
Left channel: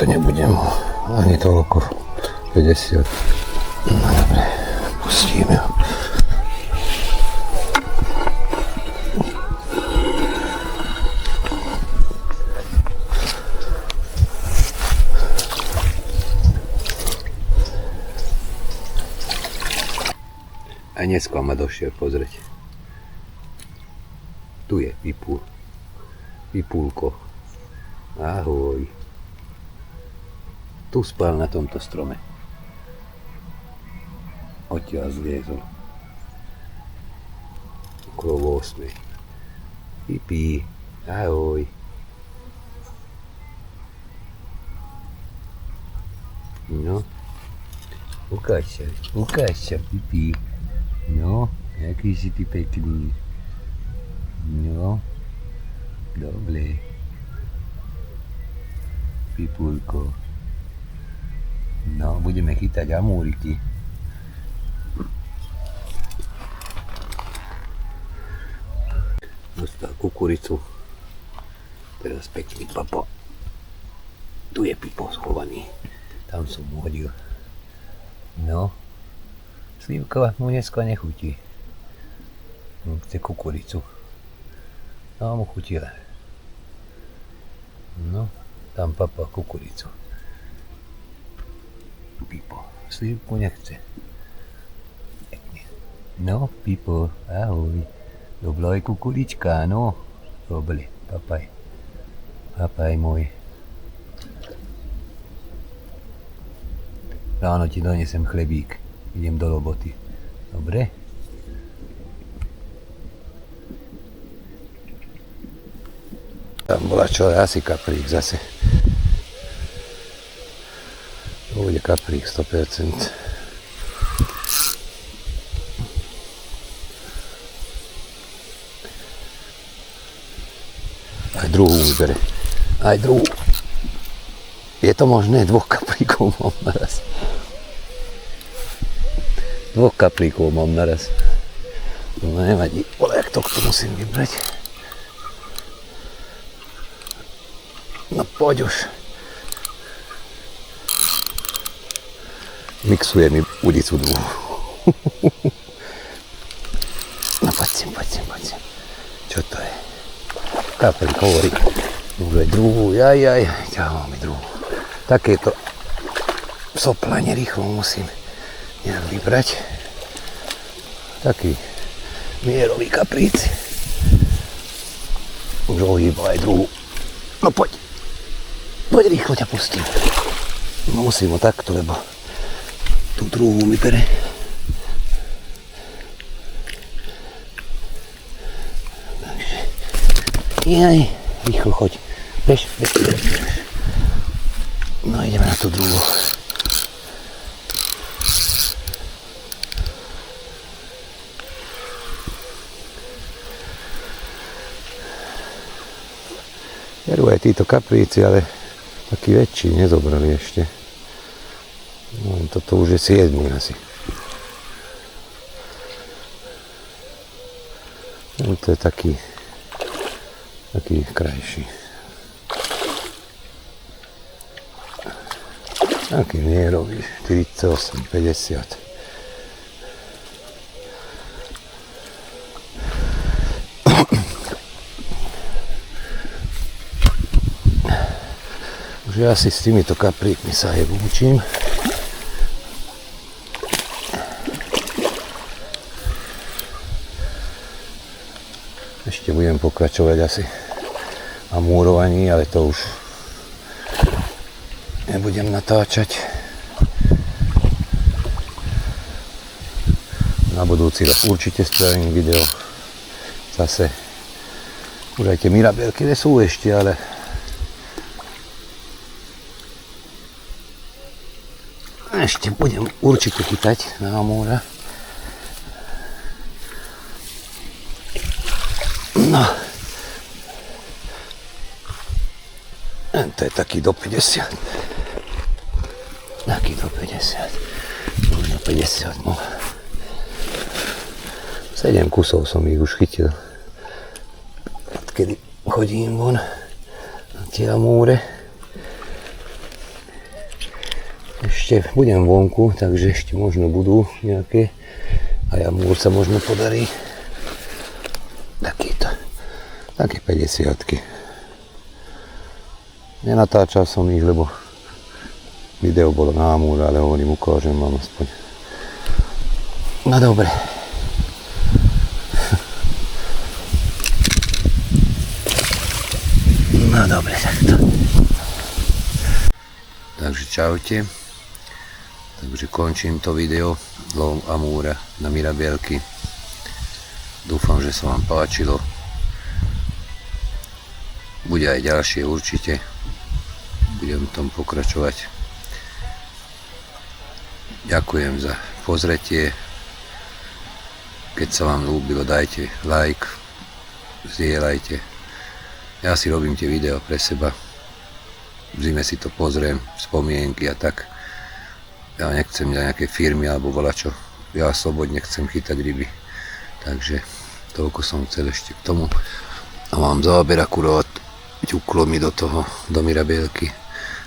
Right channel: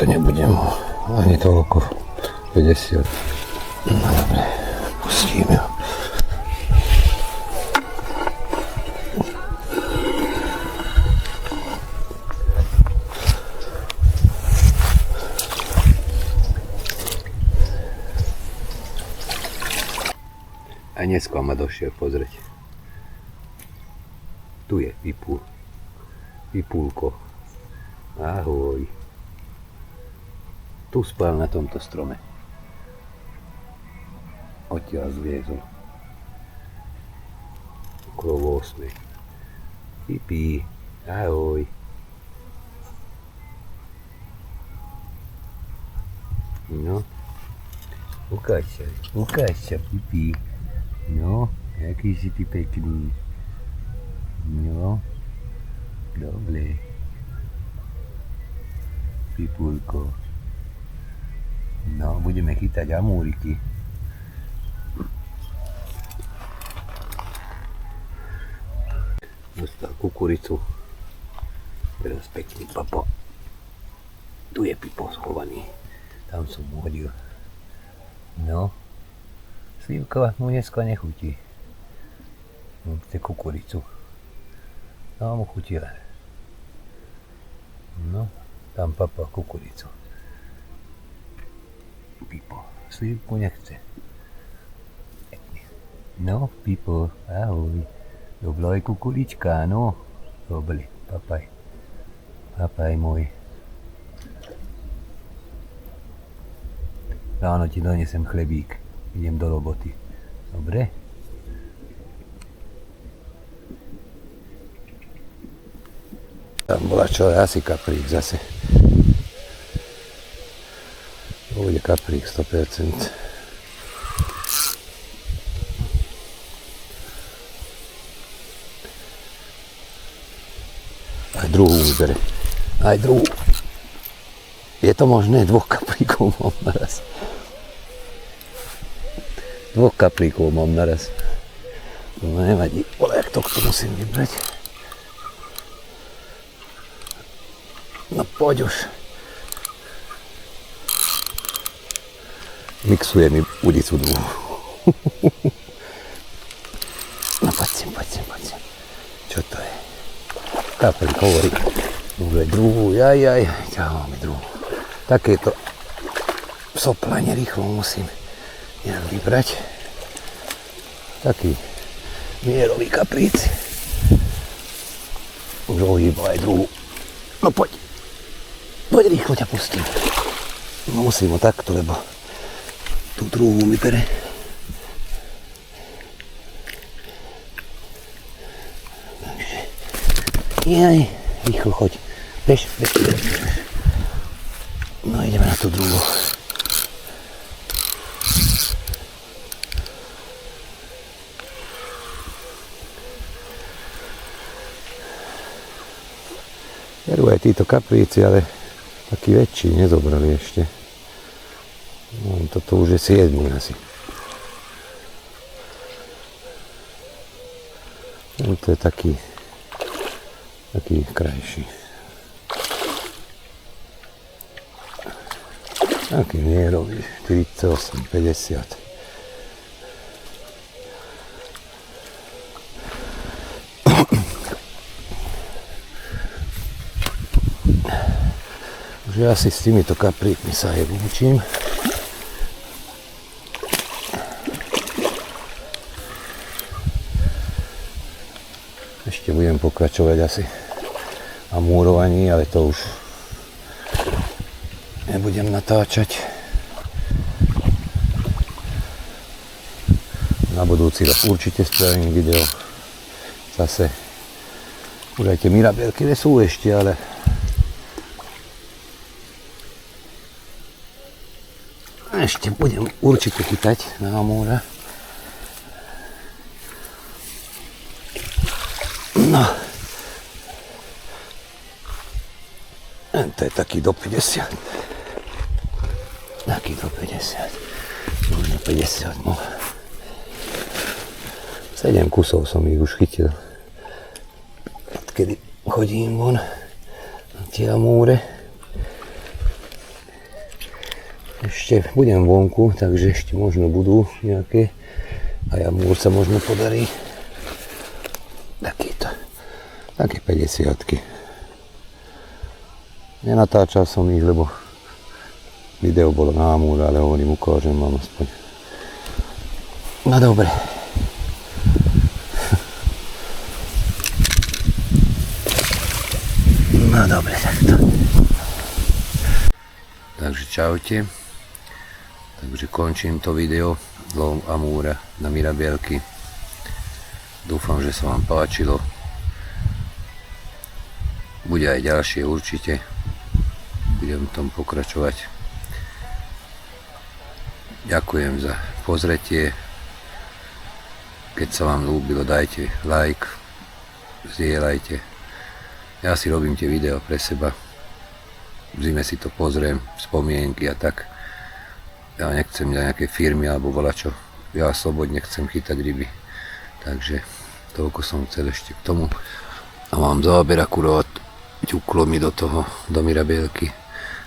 To nebudem ani toľko 50. No dobre, pustíme ho. A dneska ma došiel pozrieť. Tu je Pipul. Pipulko. Ahoj. Tu spal na tomto strome. Odtiaľ zliezol. Okolo 8. Pipi. Ahoj. No. Ukáž sa, Pipi. No, jaký si ty pekný. No, dobre. Pipulko. No, budeme chytať amúriky. Dostal kukuricu. Teraz pekný papa. Tu je Pipo schovaný. Tam som mu hodil. No. Slivka mu dneska nechutí. Chce kukuricu. No mu chutila. No, tam papa kukuricu. Pipo, slivku nechce. No, Pipo, ahoj. Dobrá je kukurička, no. Dobre, papaj. Papaj môj. Ráno ti donesem chlebík. Idem do roboty. Dobre? Tam bola čo, asi kaprík zase. To bude kaprík 100%. Aj druhú vybere. Aj druhú. Je to možné? 2 kapríkov mám naraz. 2 kapríkov mám naraz. No nevadí. Ale jak to musím vybrať. No poď už. Mixuje mi udicu druhú. No poď sem. Čo to je? Kaprík hovorí. Dobre, druhú. Jaj. Ťahal mi druhú. Takéto soplanie rýchlo musím nejak vybrať. Taký mierový kapríc. Už ohýba aj druhú. No poď. Poď rýchlo ťa pustím. No musím ho takto, lebo tú druhú mi bere. Takže. Jaj. Rýchlo choď. Bež. No ideme na tú druhú. Berú aj títo kapríci, ale taký väčší nezobrali ešte. No, toto už je 7 asi. No, to je taký krajší. Taký mierový, 48, 50. Už asi s týmito kapríkmi sa aj učím. Ešte budem pokračovať asi amúrovaní, ale to už nebudem natáčať. Na budúci rok určite spravím video. Zase už aj tie mirabelky sú ešte, ale ešte budem určite chytať na amúra. No. To je taký do 50. Taký do 50. Možno 50, no. 7 kusov som ich už chytil. Odkedy chodím von na tie amúre. Ešte budem vonku, takže ešte možno budú nejaké. A amúr sa možno podarí. Také 50-ky. Nenatáčal som ich, lebo video bolo na amúra, ale hovorím, ukážem vám aspoň. No dobre. No dobre, takto. Takže čaute. Takže končím to video. Lov amúra na mirabelky. Dúfam, že sa vám páčilo. Bude aj ďalšie určite. Budem v tom pokračovať. Ďakujem za pozretie. Keď sa vám ľúbilo, dajte like, zdieľajte. Ja si robím tie videá pre seba. V zime si to pozriem, spomienky a tak. Ja nechcem nejaké firmy alebo volačo. Ja slobodne chcem chytať ryby. Takže toľko som chcel ešte k tomu. A mám záber akurát. Ťuklo mi do toho, do Mirabelky.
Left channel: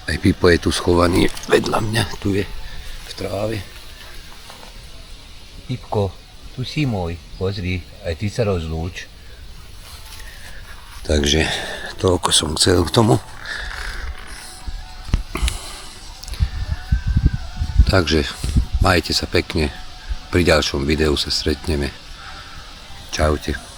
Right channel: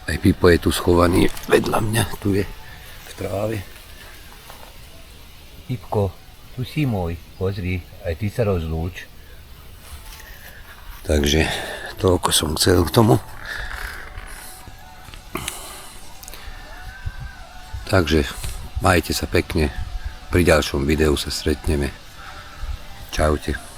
Aj Pipo je tu schovaný vedľa mňa. Tu je v tráve. Pipko, tu si môj, pozri, aj ty sa rozlúč. Takže toľko som chcel k tomu. Takže majte sa pekne. Pri ďalšom videu sa stretneme. Čaute.